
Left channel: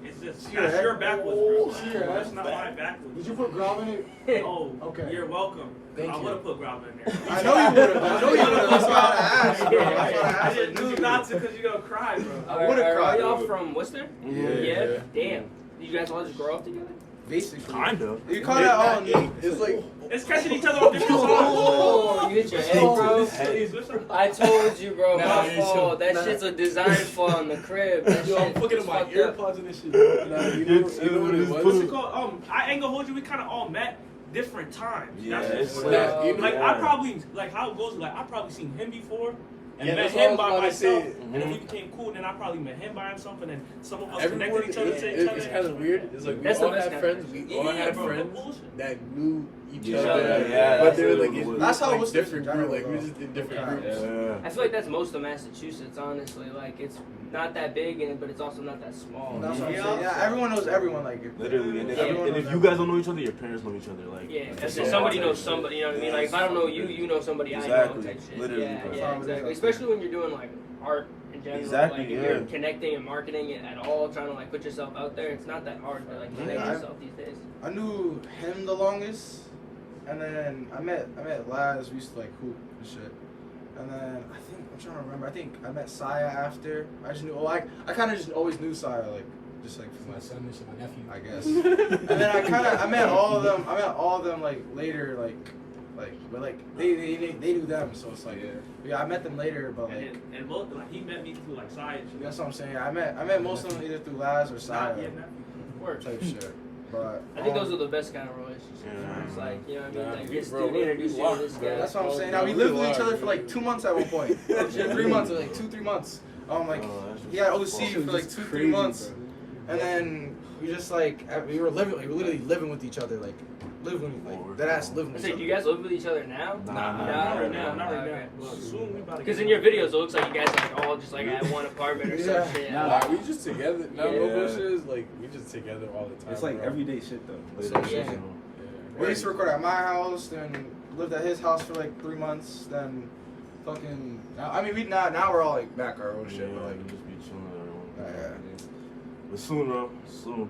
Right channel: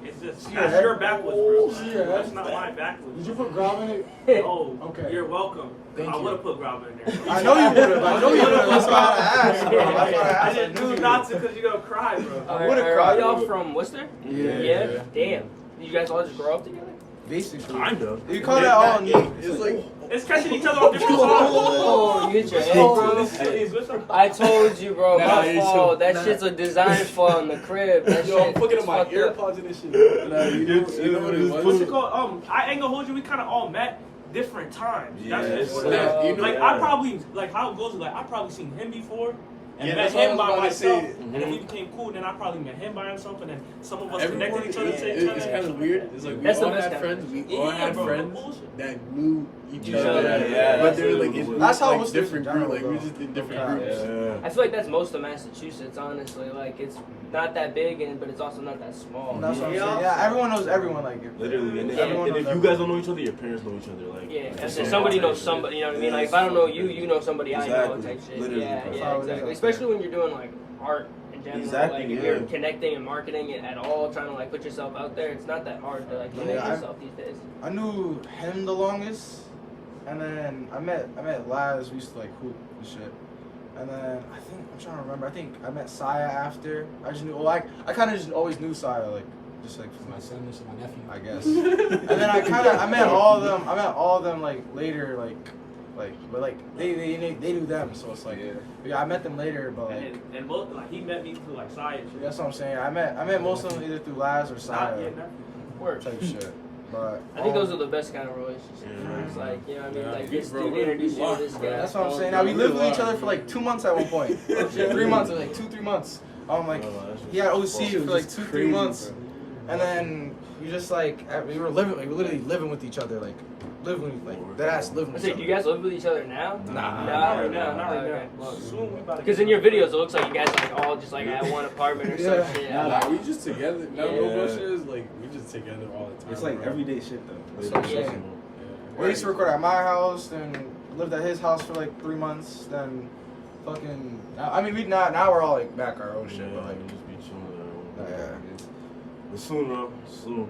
It's just you're backwards, bro. That's not mine backwards. Did you put grub in it? Oh, Okay. You're welcome. Thank I you. would have put grab in there. I know you would have. I know you would have. That's why I asked, bro. That's why I I asked. didn't do not to because you're gonna cry, bro. I would've Are cried. y'all from Worcester? Yeah. Damn. Did you guys all just grow up together? Basically. Kind of. You call that all new. it's like It's catching each other off different Oh, you get your head, bro. I told you, bro. My fault. That shit's a design flaw in the crib. That Yo, I'm shit fucking is on my fucked up. earpods and this shit. nah, you know what it What's was? it called? I ain't gonna hold you. We kind of all met different times. Yeah, That's what Nah, you know, like I probably like how it goes. Like I probably seen him before. And Yeah, met that's what I him was by about to myself, say. and then we became cool. And then I probably met him by himself, and then some of us everyone connected each other. it's kind of weird. It's like we That's the all best had kind. friends. We all had bro, friends bullshit. that knew each Yeah, other, yeah, but they were like in That's how it like was different in groups. general, Like we though. just in different Okay. groups. I feel like that's most of Massachusetts, honestly. Like, it's not that big, but it's also not that small. That's what I'm saying. Yeah, everyone knows everyone. Like, Literally. And, everyone and if knows you guys everyone. don't know each other, your parents know each other. Like, Yeah, that's so it. Somebody type knows shit. somebody, you know what I mean? Like, if I don't know you, you know somebody I know Exactly. type shit. Literally, Yeah, bro. yeah, That's how it is exactly. out Especially when you're doing, like, art in general. Exactly, Like, if yeah. you're connecting and marketing it at all, trying to, like, put yourself out there, it's not that hard to, like, connect Yeah, yourself these days. I knew him the longest, and then I met Laz. We used to like hoop and shit. And then I'm trying to remember. I think I met Zaye after. I just knew. Well, I kind of just always knew Zaye, like just like from My son, this is my nephew. I guess. And then I met all of them. I met all of them like later, but like they knew them. So it's like yeah, I met them later, but like And most, like he met me through like science. that's what I'm saying. I met most of them either through Laz or Zaye Word. type shit. But I think those are the best kind of relationships. Where it's like, you know what I mean? Nah, Like, we- this bro, dude we introduced you to locked, this bro. guy. That's what I'm saying. Oh, Now we we lived with locked, each other bro. for like 2 months at one point. 3 months, or like 2-3 months. I'm like, yeah, OC for like 2-3 months, and then we just like we were literally living with each other, like living like that ass living with So each do other. you guys live with each other now? Nah. Not right now. Not right Okay. now. Soon we about to Because get in your videos, it looks like you guys are like all just like at one apartment or Yeah. some shit. Nah, we just together. Now Yeah. no bullshit is like we just together all the time. It's like bro. everyday shit though. That's what I'm Yeah. saying. Yeah. We used to record at my house, then lived at his house for like 3 months, then fucking. I mean, now we're all like back our own shit, but like. just be chilling. Yeah. But soon, bro. Soon.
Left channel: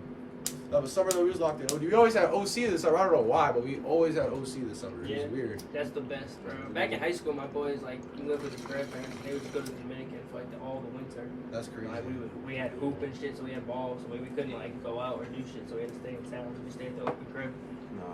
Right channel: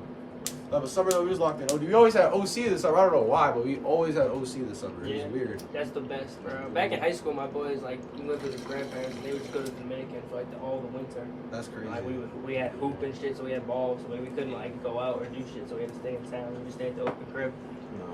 No, but summer though we was locked in. We always had OC this summer. I don't know why, but we always had OC this summer. It Yeah. was weird. That's the best, bro. Back in high school, my boys like we lived with his grandparents. They would just go to the Dominican for like all the winter. That's crazy. Like we had hoop and shit, so we had balls, so we couldn't like go out or do shit, so we had to stay in town. We just stayed at the open crib.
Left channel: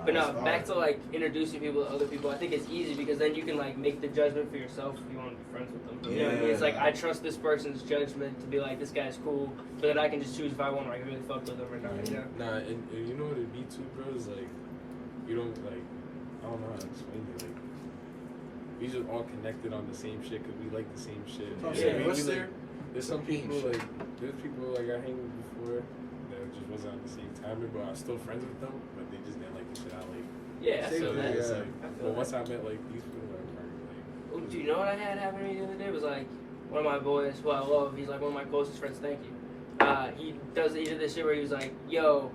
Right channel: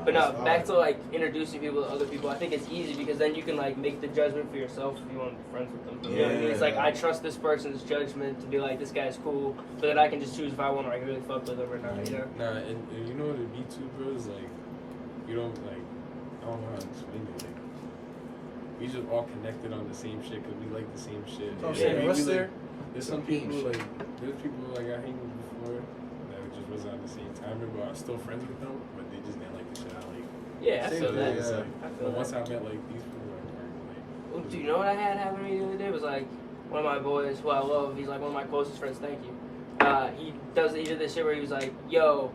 But no, that's back to like introducing people to other people. I think it's easy because then you can like make the judgment for yourself if you want to be friends with them. You know what I mean? It's like I trust this person's judgment to be like this guy's cool, so that I can just choose if I want to like really fuck with him or not. You know? Nah, and you know what it be too, bro? Is like you don't like I don't know how to explain it. Like we just all connected on the same shit because we like the same shit. Oh, Yeah, shit, we, what's like, there? there's some Peace. people like there's people like I hang with before that just wasn't on the same time, but I'm still friends with them, but they just didn't like the shit I like. Yeah, I Same feel So that. it's yeah. like, I feel but that. once I met like these people, like Oh, do you know what I had happen to me the other day? It was like one of my boys who I love. He's like one of my closest friends. Thank you. He did this shit where he was like, "Yo,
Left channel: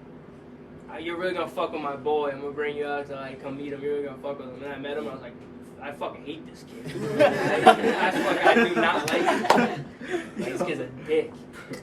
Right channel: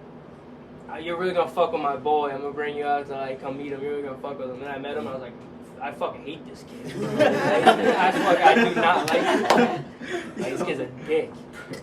you're really gonna fuck with my boy. I'm gonna bring you out to like come meet him. You're really gonna fuck with him." And I met him. And I was like, I fucking hate this kid. I do not like him. Like, this kid's a dick.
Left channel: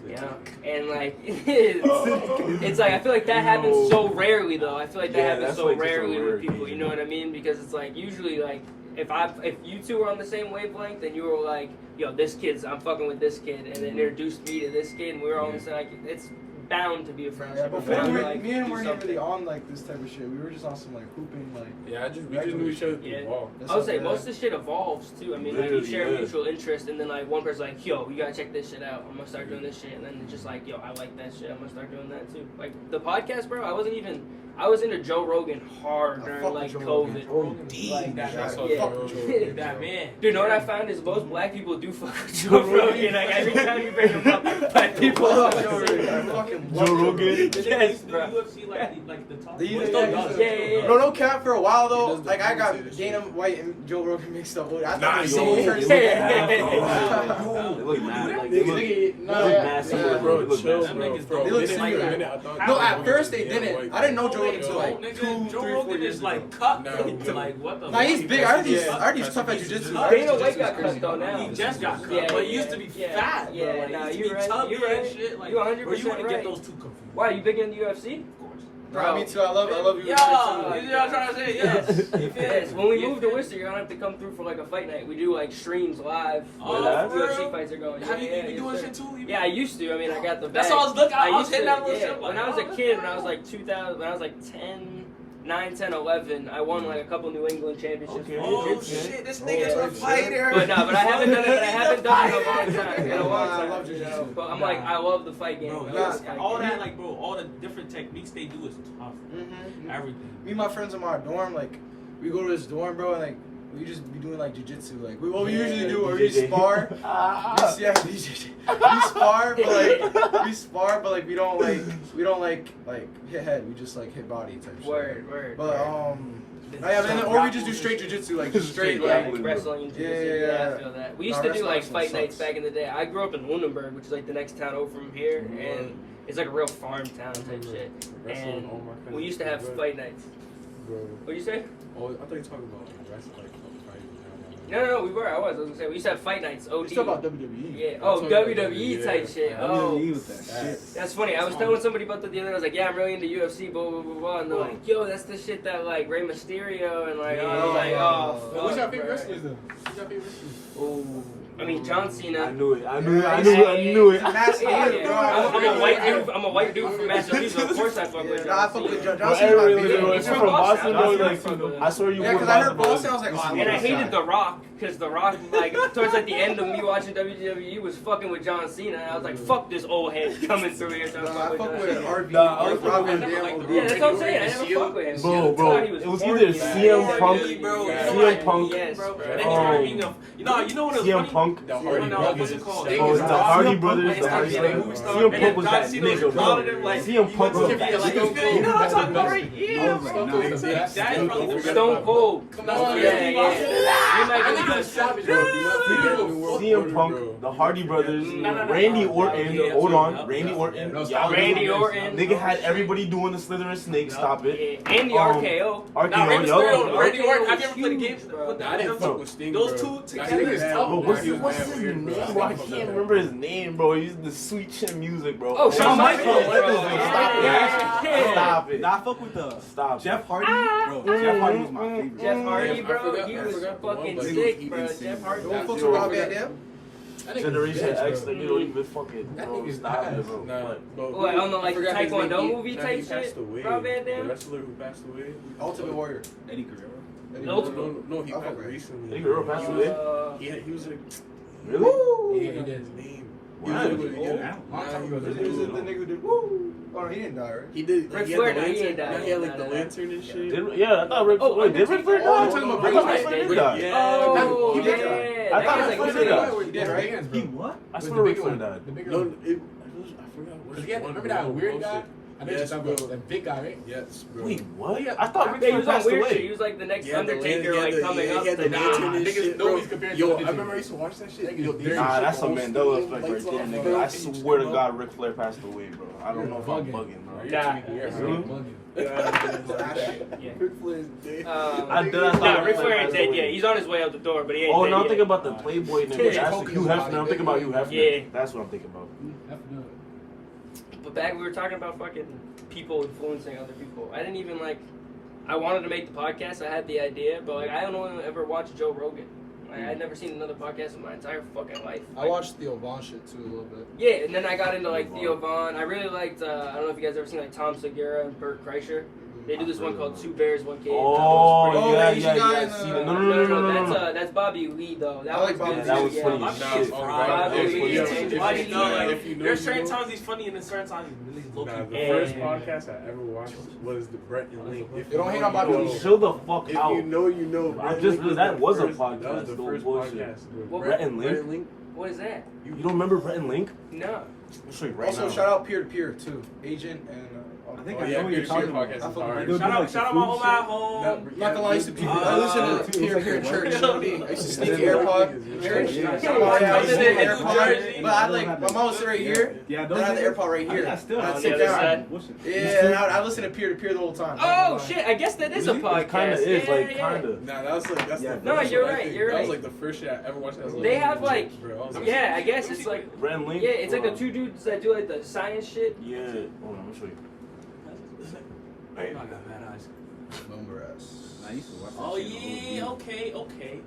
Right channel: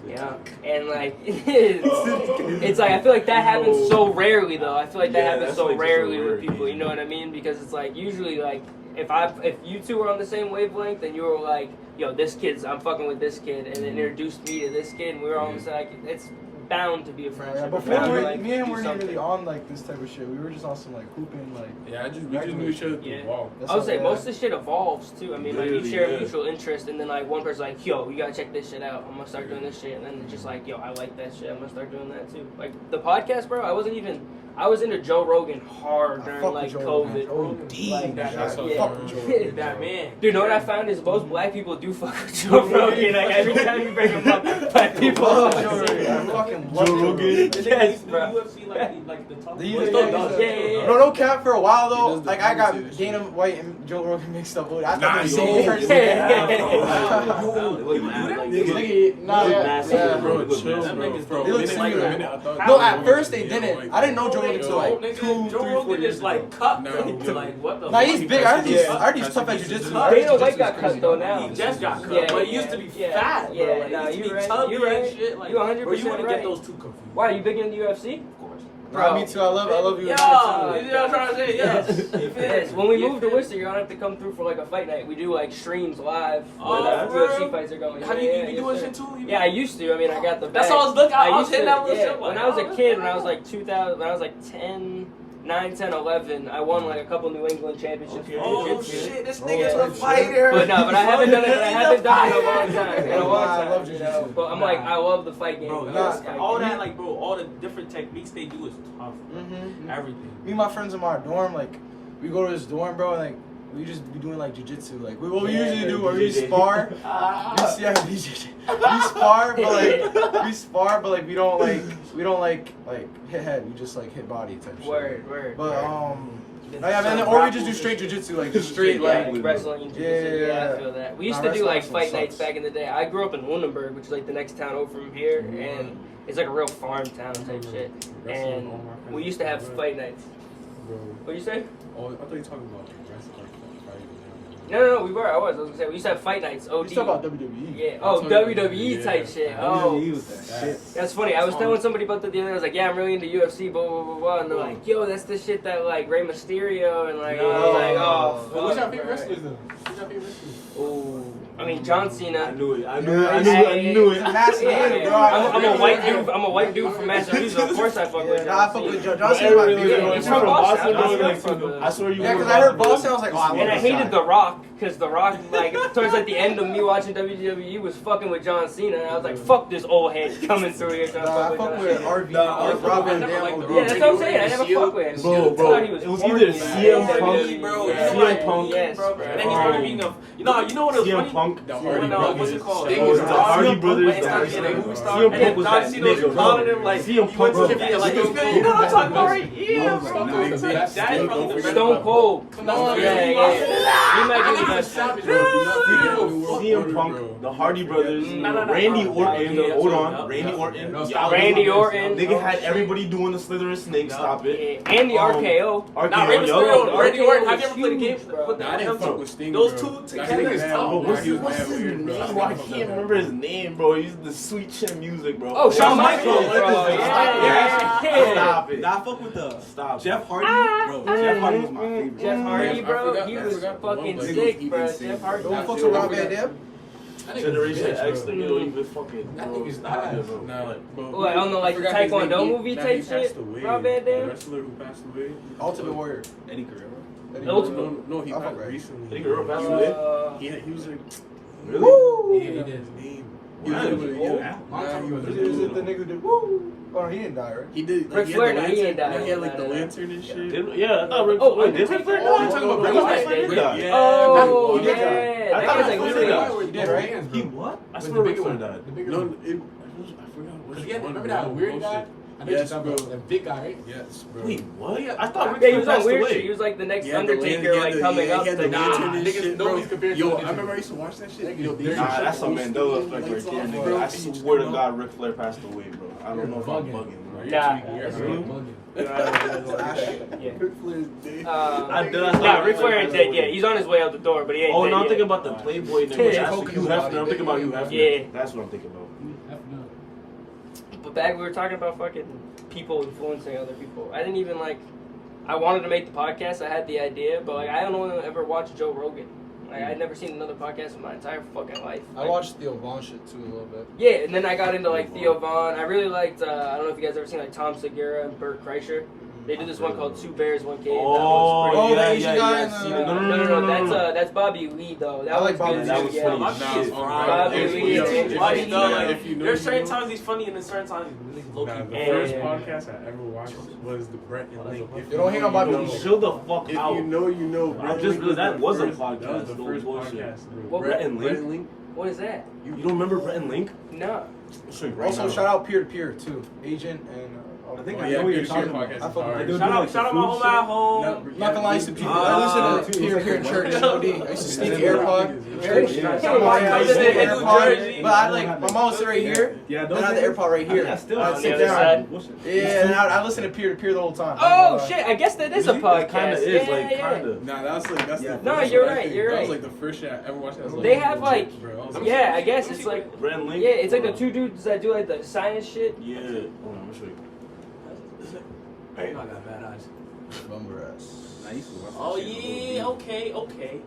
Yeah, and like it's like I feel like that happens so rarely though. I feel like that happens so rarely with people. You know what I mean? Because it's like usually like if you two are on the same wavelength and you were like, yo, I'm fucking with this kid, and it introduced me to this kid, and we were all just like, it's bound to be a friendship. Yeah, before me and weren't even really on like this type of shit. We were just on some like hooping like. Yeah, we just knew each other through the wall. I would say most of the shit evolves too. I mean, like you share a mutual interest, and then like one person's like, yo, you gotta check this shit out. I'm gonna start doing this shit, and then just like, yo, I like that shit. I'm gonna start doing that too. Like the podcast, bro. I was into Joe Rogan hard during like COVID. Like That man. Dude, know what I found is most black people do fuck with Joe Rogan. Like every time you bring him up, black people I fucking fucking love Joe Rogan. Yes, bro. UFC like the top. Yeah. No cap for a while though. Like I got Dana White and Joe Rogan mixed up. I thought it was Bro, chill, bro. Minute, I thought. No, at first they didn't. I didn't know Joe Rogan until like 2, 3, 4 years like ago. cut. Like what the? Nah, he's big. I heard he's tough at jiu-jitsu. Dana White got cut though now. He just got cut. Yeah, But he used to be fat. Yeah, nah, you're right. You're right. You 100% You want to right. get those two confused. Why, you big into UFC? Bro, me too. I love you. Yeah, you know what I'm trying to say? Yes. Yes. When we move to Worcester, you're gonna have to come through for like a fight night. We do like streams live where the UFC fights are going. How do you do shit too? Yeah, I used to. I mean, I got the bag. That's all I was looking. I was hitting that little yeah. shit. When I was a kid, when I was like 2000, when I was like 9, 10, 11, I won like a couple New England championships here. Oh shit, this nigga's a fighter. But I haven't done it. I haven't done it in a long time. I love jiu-jitsu. But I'm like, I love the fight game. Bro, all that, like, bro, all the different techniques they do is tough. Everything. Me and my friends in my dorm, like, we go to this dorm, bro, and like, we just be doing like jiu-jitsu. Like, what we usually do, we spar. We spar, but like we don't like hit head. We just like hit body type shit. Word. But or we just do straight jiu-jitsu, like just straight like wrestling and jiu-jitsu. Yeah, I feel that. We used to do like fight nights back in the day. I grew up in Lunenburg, which is like the next town over from here, and it's like a real farm town type shit. And we used to have fight nights. What'd you say? Oh, I thought you were talking about like wrestling. No, we were. I was gonna say we used to have fight nights. OD. You talking about WWE? Yeah. Oh, WWE type shit. Oh, WWE was that shit. That's funny. I was telling somebody about that the other day. I was like, yeah, I'm really into UFC. Blah blah blah blah. And they're like, yo, that's the shit that like Rey Mysterio and like, I was like, oh. What's your favorite wrestlers though? Who's your favorite wrestlers? Oh, I mean John Cena. I knew it. I'm a white dude from Massachusetts. Of course I fuck with John I fuck Cena. with John Cena. My favorite. He's from Boston. I swear you. Yeah, because I heard Boston. I was like, oh, I love And I this hated guy. The Rock, because The Rock, like, towards like the end of me watching WWE was fucking with John Cena, and I was like, fuck this old head coming through here trying to I fuck fuck with with John Cena. RV, Robin, Yeah, that's what I'm saying. I never fuck with him. Bro, it was either CM Punk, Bro, CM Punk, yes, bro. You know what it was CM funny? Punk, The Hardy What's it called? the Hardy Brothers. CM Punk was that nigga, bro. CM Punk was that Stone Cold. Yeah. You might be the best. CM Punk, the Hardy Brothers, Randy Orton, Randy Orton. Randy Orton. Nigga had everybody doing the Slither and Snake, stop it. And the RKO. Randy Orton, I never played the game. I didn't fuck with Sting, Those bro. two together is tough. What's his name, bro? I can't remember his name, bro. He's the sweet chin music, bro. Oh, Shawn Michaels, bro. Stop it. Nah, I fuck with the Stop. Jeff Hardy. Bro, Jeff Hardy was my favorite. Jeff Hardy, bro, I he was forgot the fucking one, but sick, bro. Jeff Hardy. Don't fuck with Rob Van Dam. Generation X, the new even fucking. Stop it, bro. Nah, but What, I don't know, like the Taekwondo movie type he passed shit? away. Rob Van Dam? The wrestler who passed away. Ultimate Warrior. Eddie Guerrero. No, he I'll passed fuck with recently. Eddie Guerrero passed away? He was like, Woo! he did his name. He was like, he was The nigga who did woo. Oh, he didn't die, right? He did. Like, Ric he had the Flair, he ain't lantern. died. He had like the lantern and shit. Yeah, I thought Rick. Oh, Did Rick Flair? Oh, I'm talking about Rick Flair. Yeah. Oh, He did. yeah. That guy's like really. He did, right? He what? I swear Rick Flair died. No, I forgot which one. Remember that weird guy? Yes, bro. That big guy, right? Yes, bro. Wait, what? I thought Rick Yeah, he Flair was on passed weird shit. away. He was like the next Yeah, Undertaker, like coming up. He had the lantern and Niggas, shit, bro. nobody's compared to Yo, I Undertaker. remember I used to watch that shit. Yo, they used to Nah, show that's a old Mandela school effect right lights there, off, nigga. bro. I swear to God, Ric Flair passed away, bro. I don't know if I'm bugging. Are you Nah. tweaking? You're Ric Flair ain't dead yet. He's on his way out the door, but he ain't Oh, dead no, I'm yet. thinking about the Playboy name. Yeah. Hugh Hefner. I'm thinking about Hugh Hefner. Yeah. That's what I'm thinking about. But back, we were talking about fucking people influencing other people. I didn't even I wanted to make the podcast. I had the idea, but I don't ever watch Joe Rogan. I'd never seen another podcast in my entire fucking life. I watched Theo Von shit too a little bit. Yeah, and then I got into Theo Von. I really liked. I don't know if you guys ever seen Tom Segura and Bert Kreischer. They do this one called Two Bears, One Cave. Oh, the yeah, Asian guy in yeah. the- No. That's Bobby Lee though. That I like was Bobby good Lee. too, That was yeah. funny. If you know, There's certain times he's funny and then certain times he's really low Nah, the key. first podcast I ever watched was the Brett and Link. If You don't hang on Bobby know, Lee. Chill the fuck If out. you know, you know. I Brett just Link realized that the was a first- podcast. That was the No first bullshit. podcast. What- Brett and Brett Link? and Link. What is that? You don't remember Brett and Link? No. I'll show you right Also, now. shout out peer to peer too. Agent and. I think Oh, I yeah, know what you're Peer-to-Peer talking about. podcast I is fuck- hard. I do Shout like out some my food whole shit. at home. I'm not gonna lie to people. I listen to Too. peer here in church. I used to sneak AirPod. Church. Yeah. I used to sneak Yeah. AirPod. Yeah. But I my mom would sit right here. Yeah, Then I had the AirPod right here. I still I'd on sit the other down. side. Yeah, and I listen to peer the whole time. Oh shit! I guess that is a podcast. That kind of is, Yeah, like, yeah. kind of. Nah, that's the No, first you're one, I right, think. you're That was right. the first shit I ever watched. I was They have bro, I was yeah, I guess it's Brett and Link? yeah, it's like the two dudes that do the science shit. Yeah. Hold on, let me show you. I got bad eyes. Bummer ass. I used to watch that Oh shit yeah, on okay.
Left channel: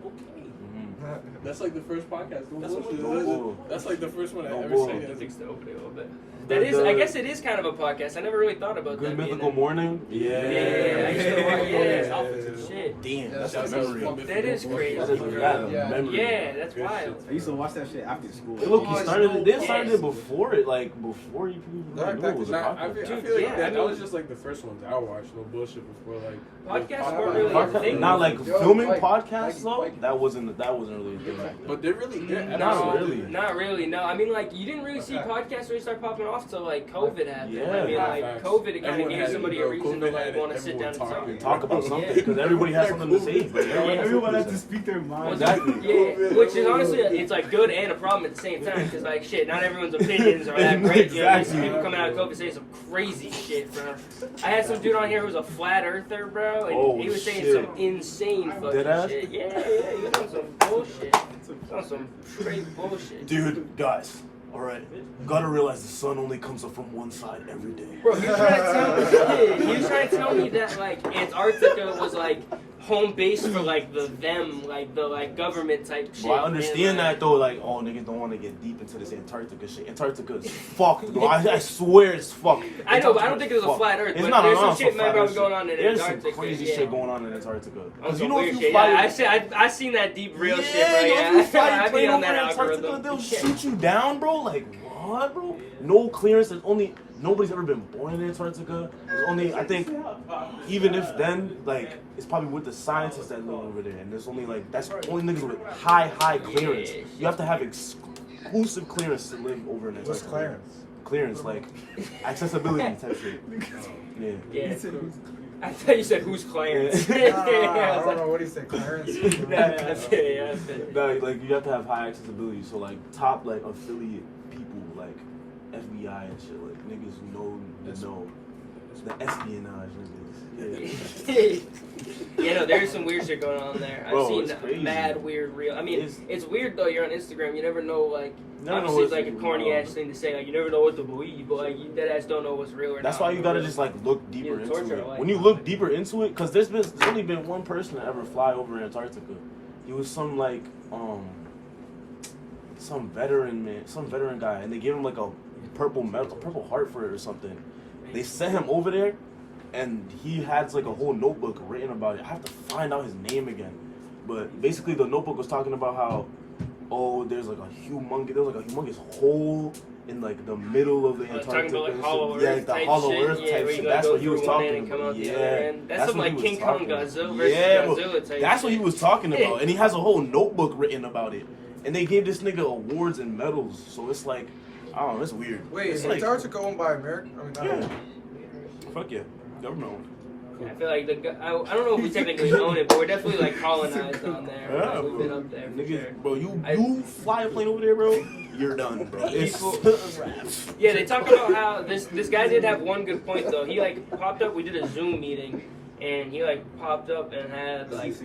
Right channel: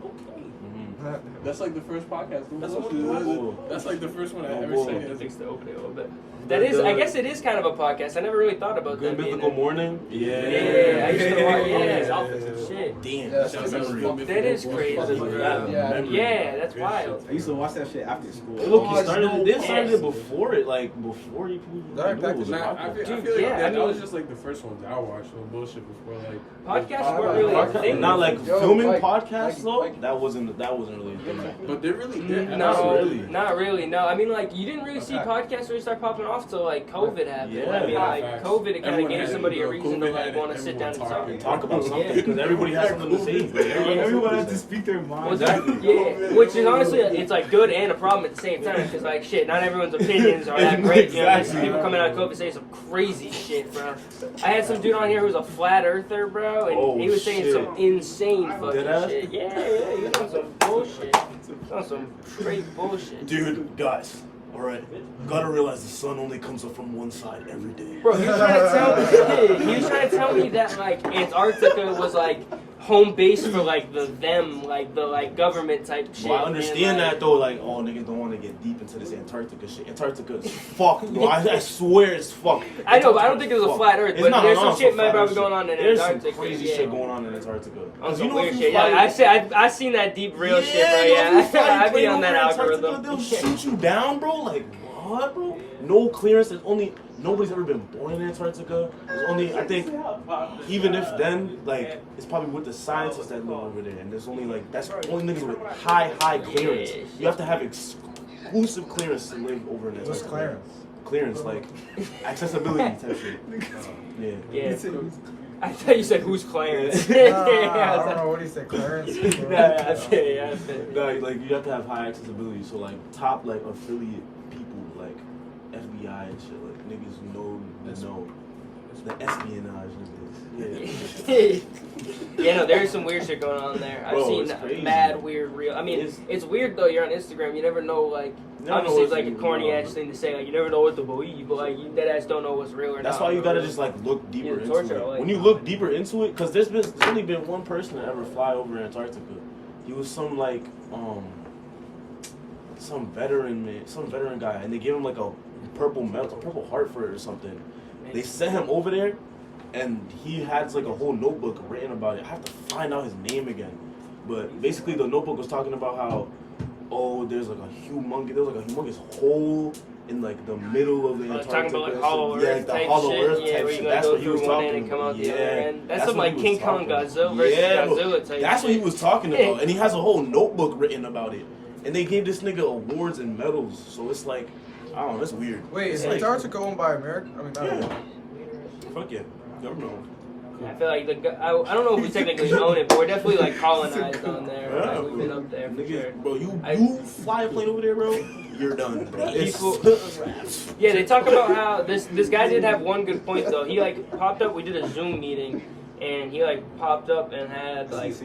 That's like the first podcast. Don't That's bullshit. what we That's like the first one I No ever bull. said. Fix the opening a little bit. The- That is, I the- guess it is kind of a podcast. I never really thought about Good that. being Mythical a- Morning? Yeah, I used to watch. Yeah, shit. Damn. Yeah, Shout out to Good That is Mythical crazy. Morning. Yeah, that's Good wild. I used to watch that shit after school. Look, he started it. They started it before it, before you even Alright, knew back it was to a Nah, I podcast. feel Dude, like yeah, I that mean- was just like the first ones I watched. No bullshit before like Podcasts weren't really a thing. Not like Yo, filming Mike, podcasts Mike, though. Mike. That wasn't really a thing. But they're really No, not really. No, I mean you didn't really see podcasts really start popping off till COVID happened. Yeah. I mean Facts. COVID kind of Everyone gave had it, somebody a bro. reason COVID to had it, want to sit down everyone and talk. Talk about something because everybody has something to say. Everyone had to speak their mind. Yeah, which is honestly, it's good and a problem at the same time because shit, not everyone's opinions are that great. You know, there's Exactly. people coming out of COVID saying some crazy shit, bro. I had some dude on here who was a flat earther, bro, and Oh, he was saying shit. some insane fucking Deadass? shit. Yeah, he was on some bullshit. On some straight bullshit. Dude, guys, all right, gotta realize the sun only comes up from one side every day. Bro, he was trying to tell me that Antarctica was home base for the government type shit. Well, I understand and, that though, oh niggas don't want to get deep into this Antarctica shit. Antarctica is fucked, bro. I swear it's fucked. I know, but I don't think it was a Fucked. flat Earth. It's But not- there's no, some it's shit a might flat be Earth going on in There's Antarctica. some crazy yeah. shit going on in Antarctica. On 'Cause some know weird if you shit. fly- Yeah, I seen that deep real shit, bro. yo, Yeah, if you fly I be plane on that over Antarctica, algorithm. They'll shoot you down, bro. Like what, bro? No clearance. Nobody's ever been born in Antarctica. There's only, I think, even if then, it's probably with the scientists that live over there, and there's only that's only niggas with high clearance. You have to have exclusive clearance to live over in Antarctica. What's clearance? Clearance, accessibility type shit. Yeah. Yeah. I thought you said who's Clarence. I don't know what he said, Clarence. Yeah. No, you have to have high accessibility. So top affiliate people FBI and shit, niggas know the espionage niggas. Yeah, no, there's some weird shit going on there. I've Bro, seen it's crazy. mad weird real. I mean, it's weird though. You're on Instagram. You never know. Obviously, it's a corny ass thing to say. You never know what to believe, but you dead ass don't know what's real or not. That's why you gotta just look deeper Yeah, into torture, it. When you look deeper into it, because there's only been one person to ever fly over Antarctica. He was some veteran guy, and they gave him a purple heart for it or something. They sent him over there, and he has a whole notebook written about it. I have to find out his name again, but basically the notebook was talking about how there's a humongous hole in the middle of the Antarctica. Talking about hollow Earth the type hollow shit. Earth Yeah, type where you shit. gotta That's go what he was through one end talking and come about. out the other end. That's some what he was King Kong talking about. Godzilla versus Godzilla type. That's what he was talking about, and he has a whole notebook written about it. And they gave this nigga awards and medals, so it's I don't know, it's weird. Wait, is It's Antarctica owned by America? I mean, not America. Fuck yeah, never know. I feel I don't know if we technically own it, but we're definitely colonized on there. We've been up there for Nigga, sure. bro, you fly a plane over there, bro. You're done. Yeah, they talk about how this guy did have one good point though. He like popped up. We did a Zoom meeting, and he like popped up and had like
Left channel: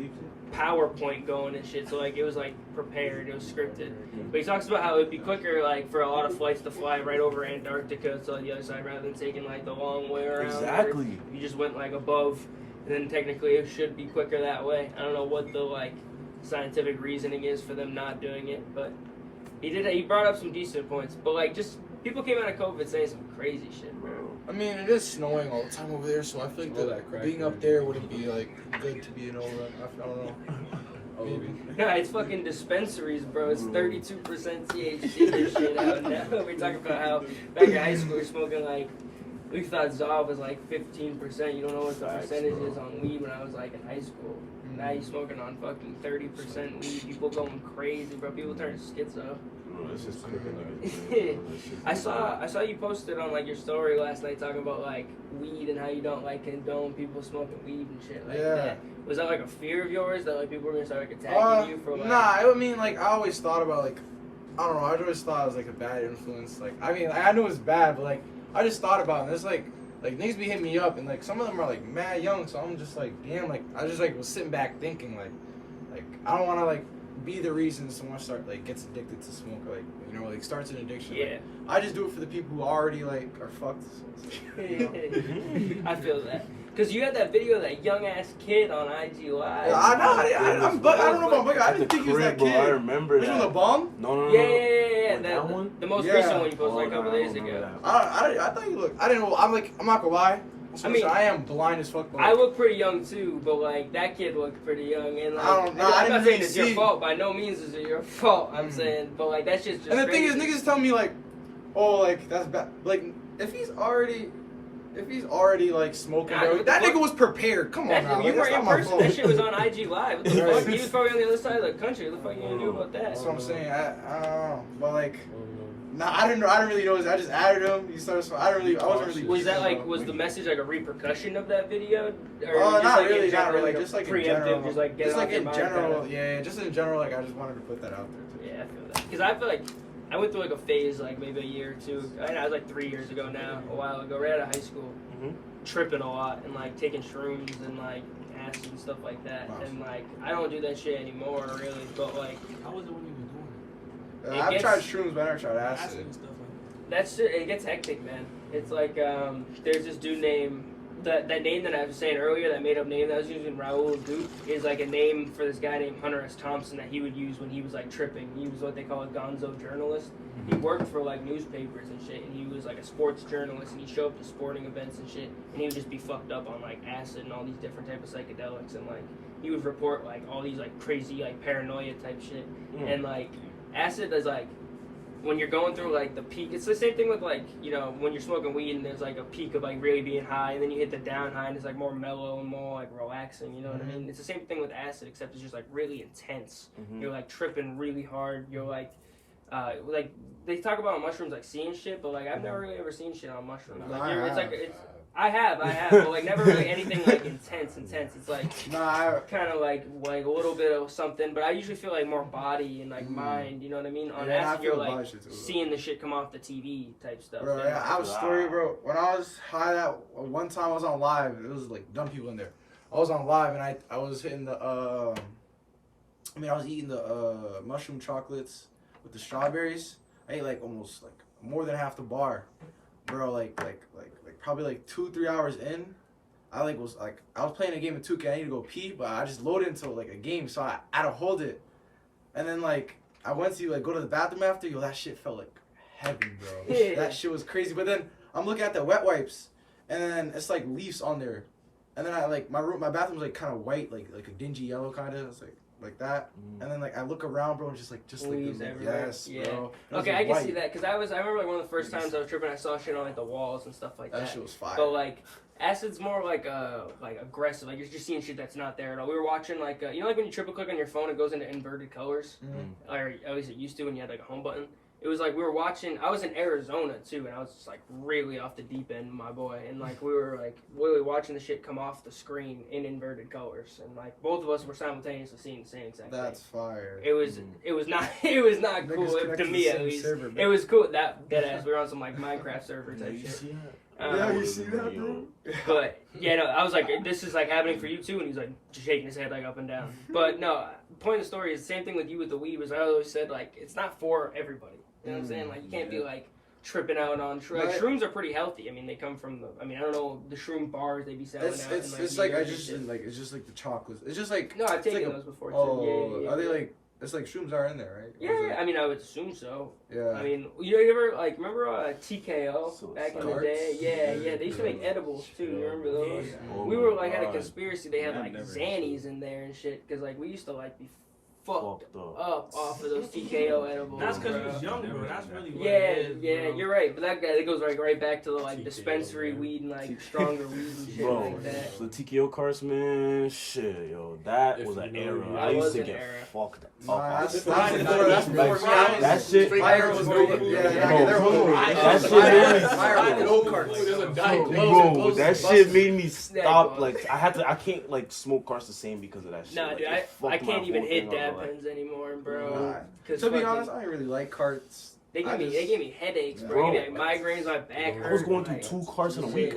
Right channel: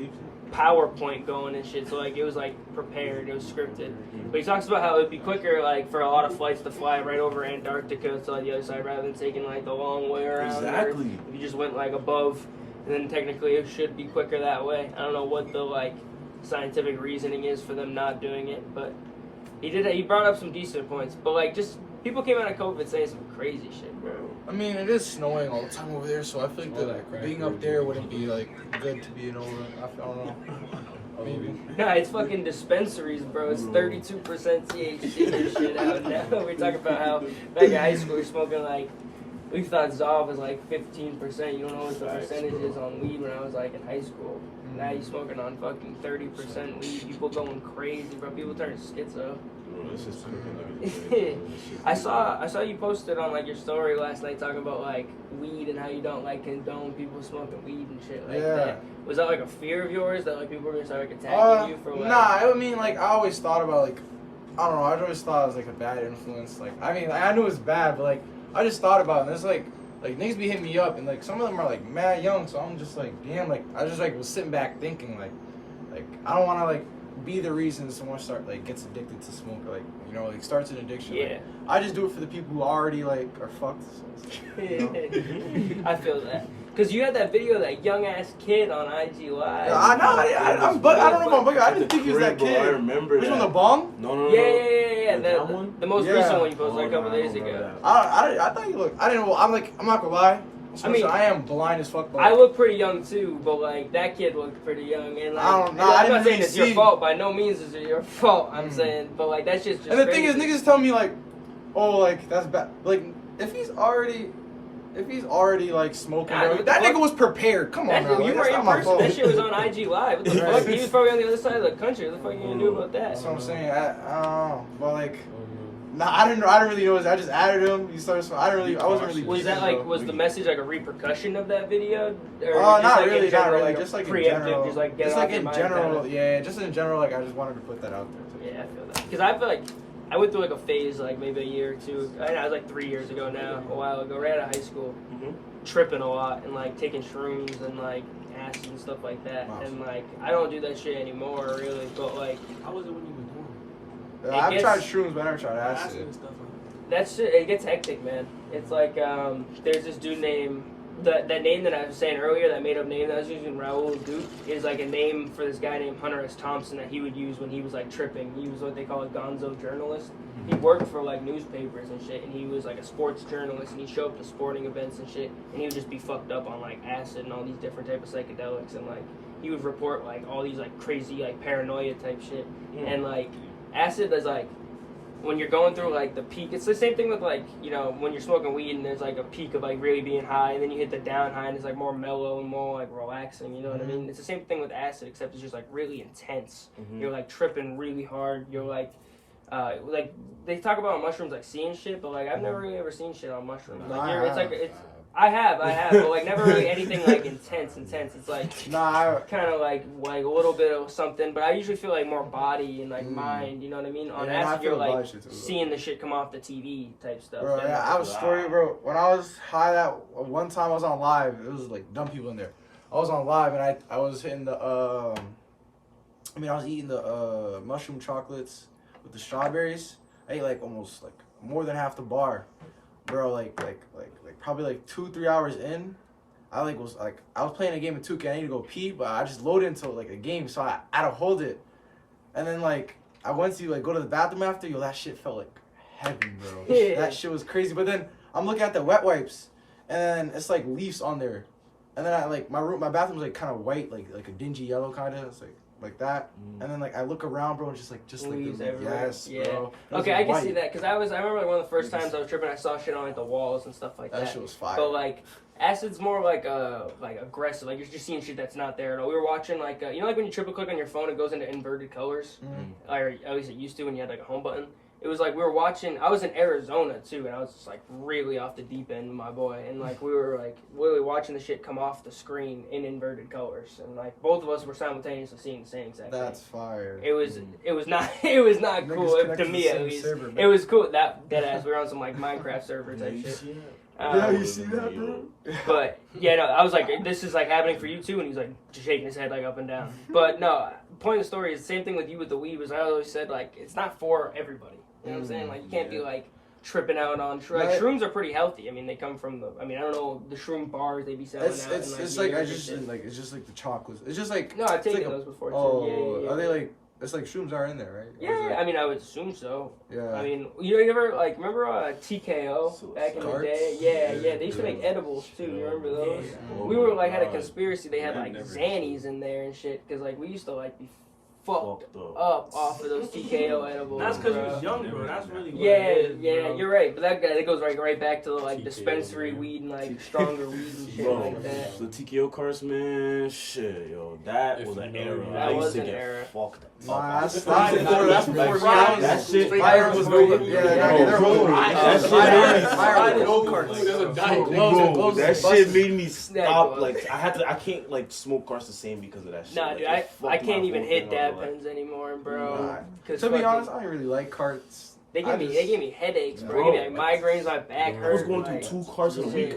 PowerPoint going and shit. So like it was like prepared, it was scripted. But he talks about how it'd be quicker like for a lot of flights to fly right over Antarctica to the other side rather than taking like the long way around. Exactly. If you just went like above, and then technically it should be quicker that way. I don't know what the like scientific reasoning is for them not doing it, but he brought up some decent points. But like just people came out of COVID saying some crazy shit, bro. I mean, it is snowing all the time over there, so I feel like being up there wouldn't be like good to be in over. I don't know. Maybe. Nah, it's fucking dispensaries, bro. It's 32% THC and shit out now. We talk about how back in high school we're smoking like, we thought Zaw was like 15%. You don't know what the percentage is on weed when I was like in high school. Now you smoking on fucking 30% weed. People going crazy, bro. People turn schizo. I saw you posted on like your story last night talking about like weed and how you don't like condone people smoking weed and shit like that. Was that like a fear of yours that like people were gonna start like attacking you for like? Nah, I mean like I always thought about like I don't know. I always thought it was like a bad influence. Like I mean I knew it was bad, but like I just thought about it. And it's like niggas be hitting me up and like some of them are like mad young, so I'm just like damn. Like I just like was sitting back thinking like I don't want to like be the reason someone gets addicted to smoke, like you know, like starts an addiction. Yeah. Like, I just do it for the people who already like are fucked. So, you know? I feel that. Cause you had that video of that young ass kid on IG Live. Yeah, I know. I don't know about Bugger. I didn't think he was that kid. I remember. Which one, the bong? No. Yeah. That one? The most recent one you posted like a couple days ago. I thought you looked. I didn't know. I'm not gonna lie. I mean, I am blind as fuck. I look pretty young too, but like that kid looked pretty young, and like I don't know. I'm not saying it's your fault. By no means is it your fault. I'm saying, but like that's just. And the thing is, crazy. niggas tell me like, oh, like that's bad. Like if he's already like smoking, bro, that nigga was prepared. Come on now, like, that's not my fault. That shit was on IG Live. What the fuck? He was probably on the other side of the country. What the fuck are you gonna do about that? That's what I'm saying. I don't know, but like. Nah, I didn't really know. I just added him. He started. I wasn't really. Was that like? Was the message like a repercussion of that video? Or not like really. Not really. Like just like in general. Just like in general. Kinda. Yeah, just in general. Like I just wanted to put that out there. Too. Yeah, I feel that. Because I feel like I went through like a phase, like maybe a year or two. I was like 3 years ago now, a while ago, right out of high school, tripping a lot and like taking shrooms and like acid and stuff like that. Wow. And like I don't do that shit anymore, really. But like, how was it when you were doing it? I've tried shrooms, but I never tried acid and stuff. That shit, it gets hectic, man. It's like, there's this dude named, that name that I was saying earlier, that made up name that I was using, Raul Duke, is like a name for this guy named Hunter S. Thompson that he would use when he was like tripping. He was what they call a gonzo journalist. He worked for like newspapers and shit, and he was like a sports journalist, and he'd show up to sporting events and shit, and he would just be fucked up on like acid and all these different type of psychedelics, and like, he would report like all these like crazy like paranoia type shit, and like, acid is like, when you're going through like the peak, it's the same thing with like, you know, when you're smoking weed and there's like a peak of like really being high, and then you hit the down high and it's like more mellow and more like relaxing, you know what I mean? It's the same thing with acid, except it's just like really intense. You're like tripping really hard. You're like they talk about on mushrooms like seeing shit, but like I've never really ever seen shit on mushrooms. Like I have, but like never really anything like intense. It's like kind of like a little bit of something, but I usually feel like more body and like mind. You know what I mean? On acid, you're like seeing the shit come off the TV type stuff. Bro, yeah, I was story, bro. When I was high, that one time I was on live. It was like dumb people in there. I was on live and I was hitting the I was eating the mushroom chocolates with the strawberries. I ate like almost like more than half the bar, bro. Like probably like 2-3 hours in, I was playing a game of 2K. I need to go pee, but I just loaded into like a game, so I had to hold it. And then like I went to like go to the bathroom after. Yo, that shit felt like heaven, bro. Yeah. That shit was crazy. But then I'm looking at the wet wipes, and it's like leaves on there. And then I like my bathroom was like kind of white, like a dingy yellow kind of. It's like that. And then like I look around, bro, and just like leaves everywhere. Yes, yeah. Bro. Okay, I can see that, because I remember like one of the first times I was tripping, I saw shit on like the walls and stuff like that. That shit was fire. But like acid's more like aggressive. Like you're just seeing shit that's not there at all. We were watching like you know, like when you triple click on your phone, it goes into inverted colors, or at least it used to when you had like a home button. it was like we were watching. I was in Arizona too, and I was just like really off the deep end, my boy. And like we were like literally watching the shit come off the screen in inverted colors, and like both of us were simultaneously seeing the same exact That's thing. fire. It was not cool to me at least. Server, It was cool that deadass. We were on some like Minecraft server type shit. Yeah, you see that, bro? But yeah, no, I was like, this is like happening for you too, and he's like shaking his head like up and down. But no, point of the story is the same thing with you with the weed. Was I always said like it's not for everybody. You know what I'm saying? Like you can't be like tripping out on shrooms. Like, shrooms are pretty healthy. I mean, they come from the. I mean, I don't know the shroom bars they be selling out. It's like I just like it's just like the chocolates. It's just like no, I've taken like those before too. Oh, yeah. Are they like? It's like shrooms are in there, right? Yeah, I mean, I would assume so. Yeah. I mean, you ever like remember TKO back in the day? Yeah. They used to make edibles too. You remember those? We were like had a conspiracy. They had like Xannies in there and shit because like we used to like be fucked up off of those TKO edibles. That's because you was young, bro. That's really what yeah, it is, yeah. bro. You're right, but that goes right back to the like TKO, dispensary man. weed and like stronger weed and shit Bro, like that. the TKO cards, man, shit, yo, that If was you an know era. you I That used was to an get era. fucked Nah, up. that's before That shit- my era was good. Yeah, they're Bro, old. that shit My made me era was old cards. Bro, that shit made me stop. Like I can't like smoke cards the same because of that shit. Nah, Like, dude, it I fucked my can't even whole hit thing dab up, like- pens anymore, bro. Nah. 'Cause To be fucking- honest, I don't really like carts. They give me headaches, bro. They give me like migraines, my back I hurt. was going through like, 2 cards in a week.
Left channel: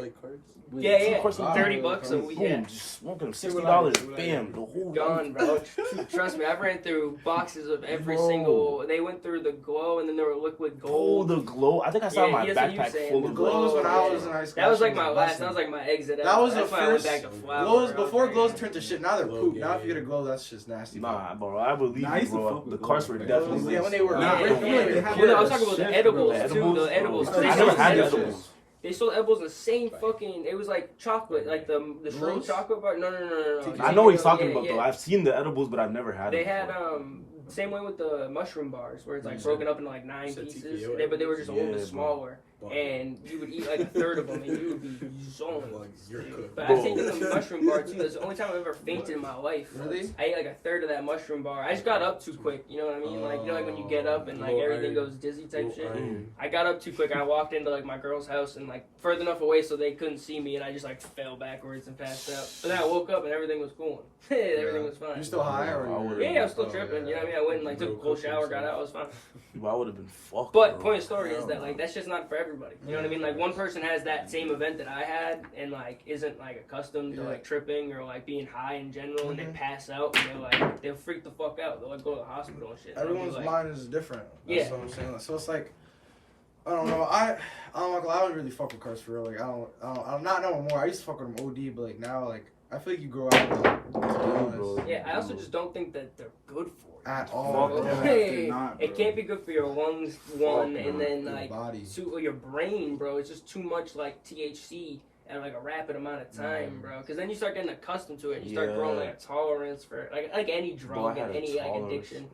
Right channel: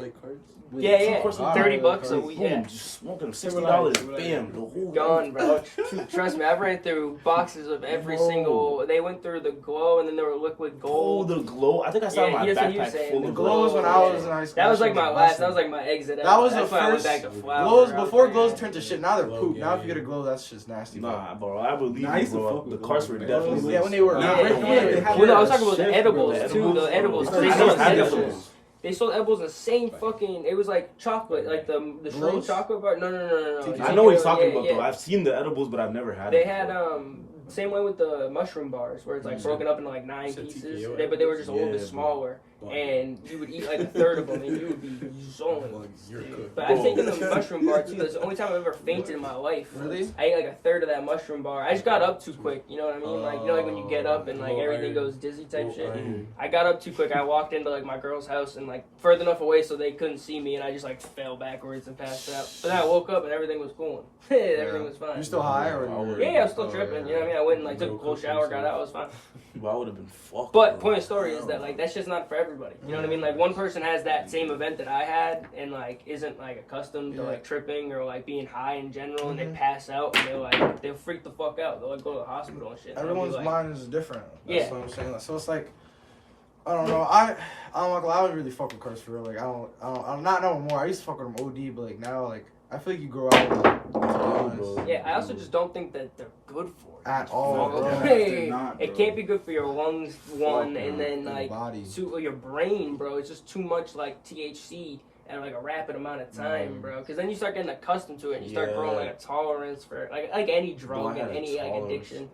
Yeah, Two cards in a $30 week. a week. Yeah. Boom, just smoking $60. Bam, the whole Gone, bro. Trust me, I've ran through boxes of every single. They went through the glow, and then there were liquid Oh, gold. the glow. I think I saw Yeah, my that's what he was backpack saying. full The of Glows glow. when I was in high school. That was like my last. blessing. That was like my exit. That was That's the when I went first back to flower. glows. I was Before like, glows turned to shit. Now they're Glow, poop. Now yeah, if you get a glow, that's just nasty. Bro. Nah, bro, I believe Nah, I you, used to bro. fuck The with cards those, were man. definitely. Yeah, when they were. Yeah, When well, no, I was talking about the edibles too. The edibles. I They never sold had edibles. edibles. They sold edibles the same fucking. It was like chocolate, like the shroom Glows? chocolate bar. No. I know what he's talking Yeah, about yeah. though. I've seen the edibles, but I've never had They it. had same way with the mushroom bars, where it's like broken up into like 9 said pieces, TKO but they were just a little bit Yeah, smaller, and you would eat like a third of them, and you would be zoned. You're cooked. But I've taken the mushroom bar too. That's the only time I've ever fainted in my life. Really? I ate like a third of that mushroom bar. I just got up too quick. You know what I mean? Like like when you get up and like everything goes dizzy type shit. I got up too quick. I walked into like my girl's house and like further enough away so they couldn't see me, and I just like fell backwards and passed out. But then I woke up and everything was cool. Everything was fine. You still high or? Yeah, I was still tripping. You know what I mean? I went and like took a cold shower, got out, I was fine. Well, I would have been fucked. But point of story is that like that's just not for everybody. You know what I mean? Like one person has that same event that I had and like isn't like accustomed to like tripping or like being high in general, and they pass out and they'll freak the fuck out. They'll like go to the hospital and shit. And I'll be Everyone's like, mind is different. That's Yeah. what I'm saying. So it's like, I don't know. I don't really fuck with cars for real. Like I'm not no more. I used to fuck with them OD, but like now like I feel like you grow out with them, to be honest. Yeah, I also just don't think that they're good for you. At all. Yeah, Hey, they're not, it bro. can't be good for your lungs, one, and then Your like body. your brain, bro. It's just too much like THC at like a rapid amount of time, bro. Because then you start getting accustomed to it, and you start growing like a tolerance for like any drug and any like addiction.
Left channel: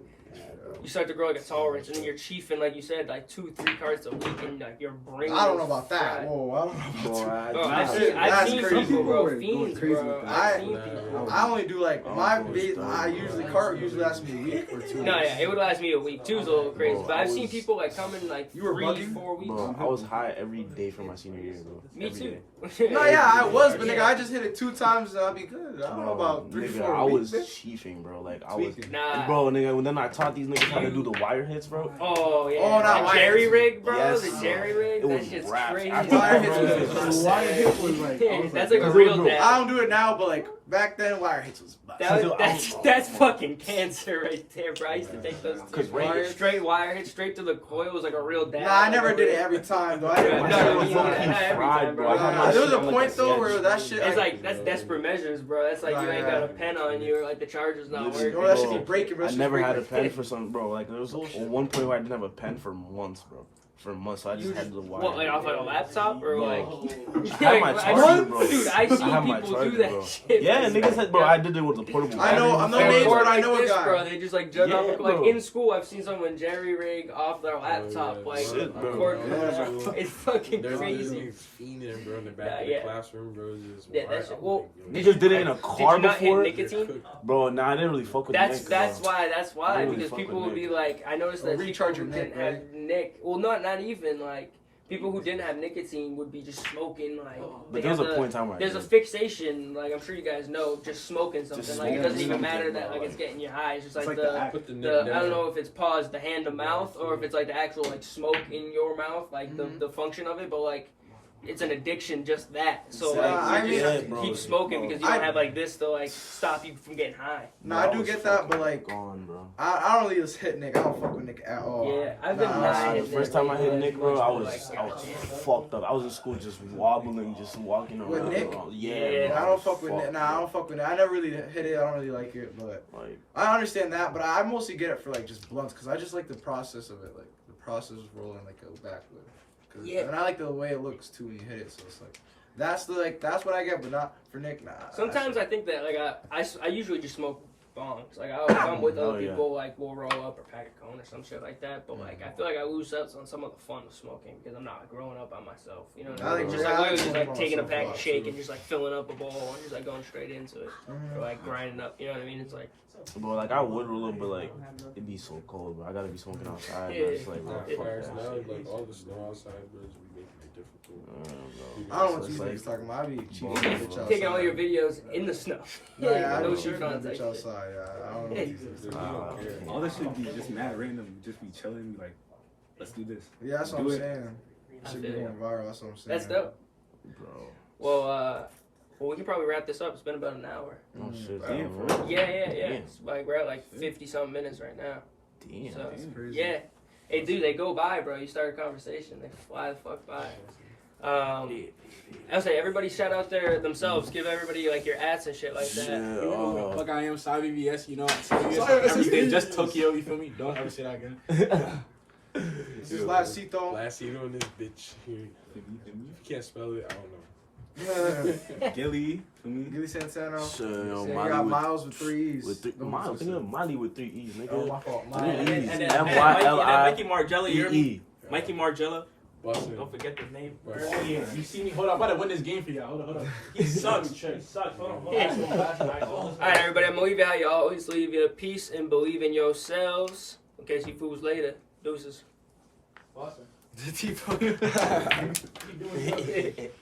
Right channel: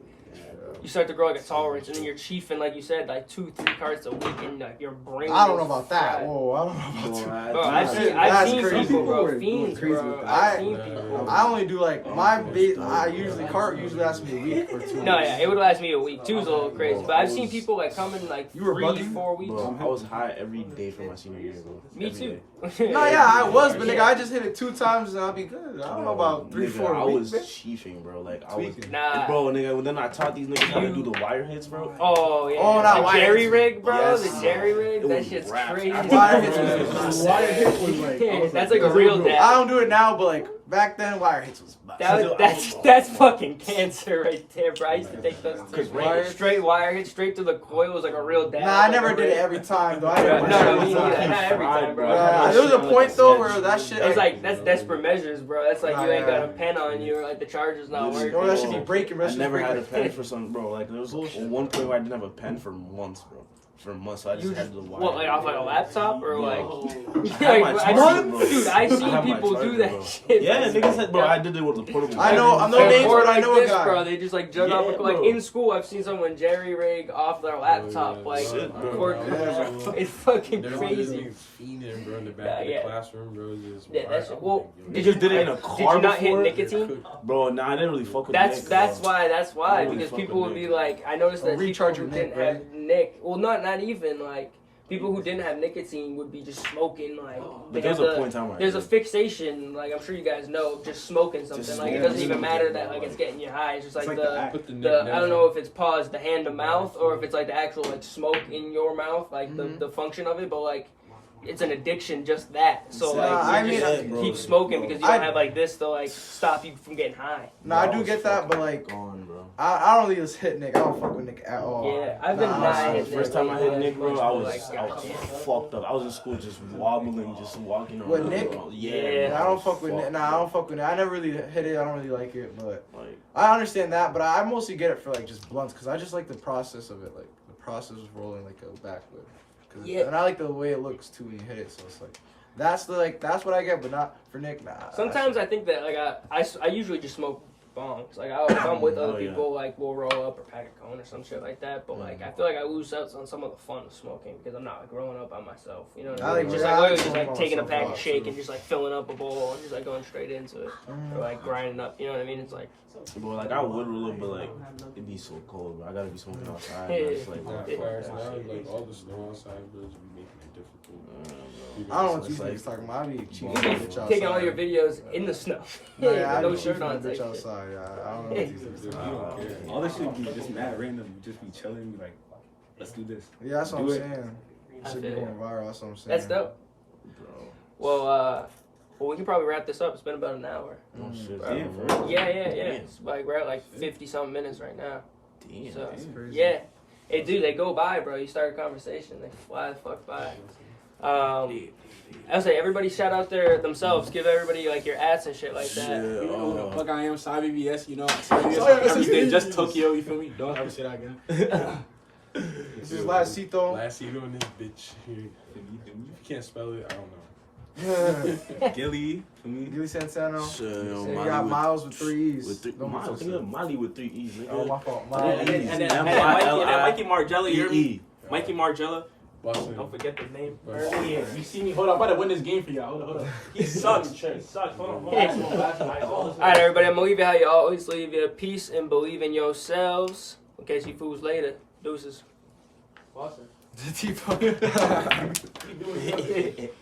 You start to grow like a tolerance, and then you're chiefing, like you said, like 2-3 carts a week, and like your brain. I don't know is about that. fried. Whoa, I don't know about that. Bro, That's I've seen crazy. people, bro, People fiends, going crazy bro. with I've that. seen people. I only do like my base. I usually lasts me a week or 2. No, yeah, it would last me a week. 2's a little crazy, but I've seen people like come in like You were 3-4 bugging? weeks. Bro, I was high every day for my senior year, bro. Me Every too. day. No, yeah, I was, but nigga, I just hit it 2 times and I'll be good. I don't know about 3-4 I weeks. was chiefing, bro. Like I was, Tweaking. Nah. bro, nigga. When then I taught these niggas how to do the wire hits, bro. Oh yeah. Oh, not the wire jerry hits. rig, bro. Yes, the jerry rig. it That was shit's rap. crazy. Wire hits was Wire hits was like, I was That's like, like a real bro, dab. I don't do it now, but like back then, wire hits was. That's fucking cancer right there, bro. I used to take those Cause wire- straight wire hit straight to the coil was like a real dab. Nah, I never did it every time though. I never No, did me it neither. every time. Not every time, bro. There was a point though where that shit. It's like that's desperate measures, bro. That's like you ain't got a pen on you, or like the charger's not working. Or that should be breaking. I never had a pen for some, bro. Like there was one point where I didn't have a pen for months, bro. For months, so I just had the wire. What, like off like a laptop or like? I had my I've charger, seen, bro. dude, I've I seen had my people do charger, that bro. shit. Yeah, niggas said, bro, I did it with the portable. I know, I'm no Like, names, or but I like know a this, guy. bro. They just like jug off, Yeah, like bro. in school. I've seen someone jerry rig off their laptop, like Shit, bro. record. It's fucking There's crazy. niggas fiending, bro, in the back of the classroom, bro. Just Yeah, that's I'm well. like, yo, Did You did it in a did car you not before? hit nicotine? Bro, nah, I didn't really fuck with That's Nick, that's bro. why I really because fuck people with would be Nick. like, I noticed that recharge people your who neck, didn't have Nick. Well, not even like. People who didn't have nicotine would be just smoking like. But there's a point in time where there's a fixation, like I'm sure you guys know, just smoking something. Like it doesn't even matter that like it's getting you high. It's just like the I don't know if it's the hand to mouth or if it's like the actual like smoke in your mouth, like the function of it. But like it's an addiction, just that. So like you just keep smoking because you don't have like this to like stop you from getting high. No, I do get that, but like I don't really just hit Nick. I don't fuck with Nick at all. Yeah, I've been the first time I hit Nick, bro, I was fucked up. I was in school just wobbling, just walking around. With Nick? Yeah. I don't fuck with Nick. Nah, I don't fuck with Nick. I never really hit it. I don't really like it, but I understand that. But I mostly get it for like just blunts because I just like the process of it, like the process of rolling like a backwood. Yeah. And I like the way it looks too when you hit it, so it's like that's what I get, but not for Nick. Nah. Sometimes I think that like I usually just smoke bongs. Like if I'm with other people, like we'll roll up or pack a cone or some shit like that. But like I feel like I lose out on some of the fun of smoking because I'm not like growing up by myself. You know what I mean? Just like taking a pack of shake and just like filling up a bowl and just like going straight into it or like grinding up. You know what I mean? It's like. Bro, like I would roll up, but like it'd be so cold, bro. I gotta be smoking outside. It's like fires now, like all the snow outside, bro, be making it difficult. I don't know what these niggas talking about. I be cheating bitch outside. Taking all your videos in the snow. I be cheating bitch outside. I don't know what these niggas You don't care. All that shit be just mad random. Just be chilling, like, let's do this. Yeah, that's what I'm saying. Should be going viral. That's what I'm saying. That's dope, bro. Well, we can probably wrap this up. It's been about an hour. Oh, shit, yeah. It's like we're at like 50-something minutes right now. Damn, so, that's crazy. Yeah. Hey, dude, they go by, bro. You start a conversation, they fly the fuck by. I was like, everybody shout out themselves. Give everybody like your ads and shit like that. Yeah, like I am Zaye BBS, you know. Every day, just Tokyo, you feel me? Don't ever say that again. This is Zayesxo. Zayesxo in this bitch here. If you can't spell it, I don't know. Gilly, for me. Gilly Santano. So, you got Miles with 3 E's. Think of Molly with 3 E's, nigga. Oh, my fault. And then Mikey Margella, you hear me? Mikey Margella. Boston. Don't forget the name. Oh, yeah. You see me? Hold on, I'm about to win this game for y'all. Hold on. He sucks. He sucks. Hold on. All right, everybody. I'm going to leave you how you always leave you. Peace and believe in yourselves. In case you fools later. Deuces. Boston. The T-Punk. He doing it.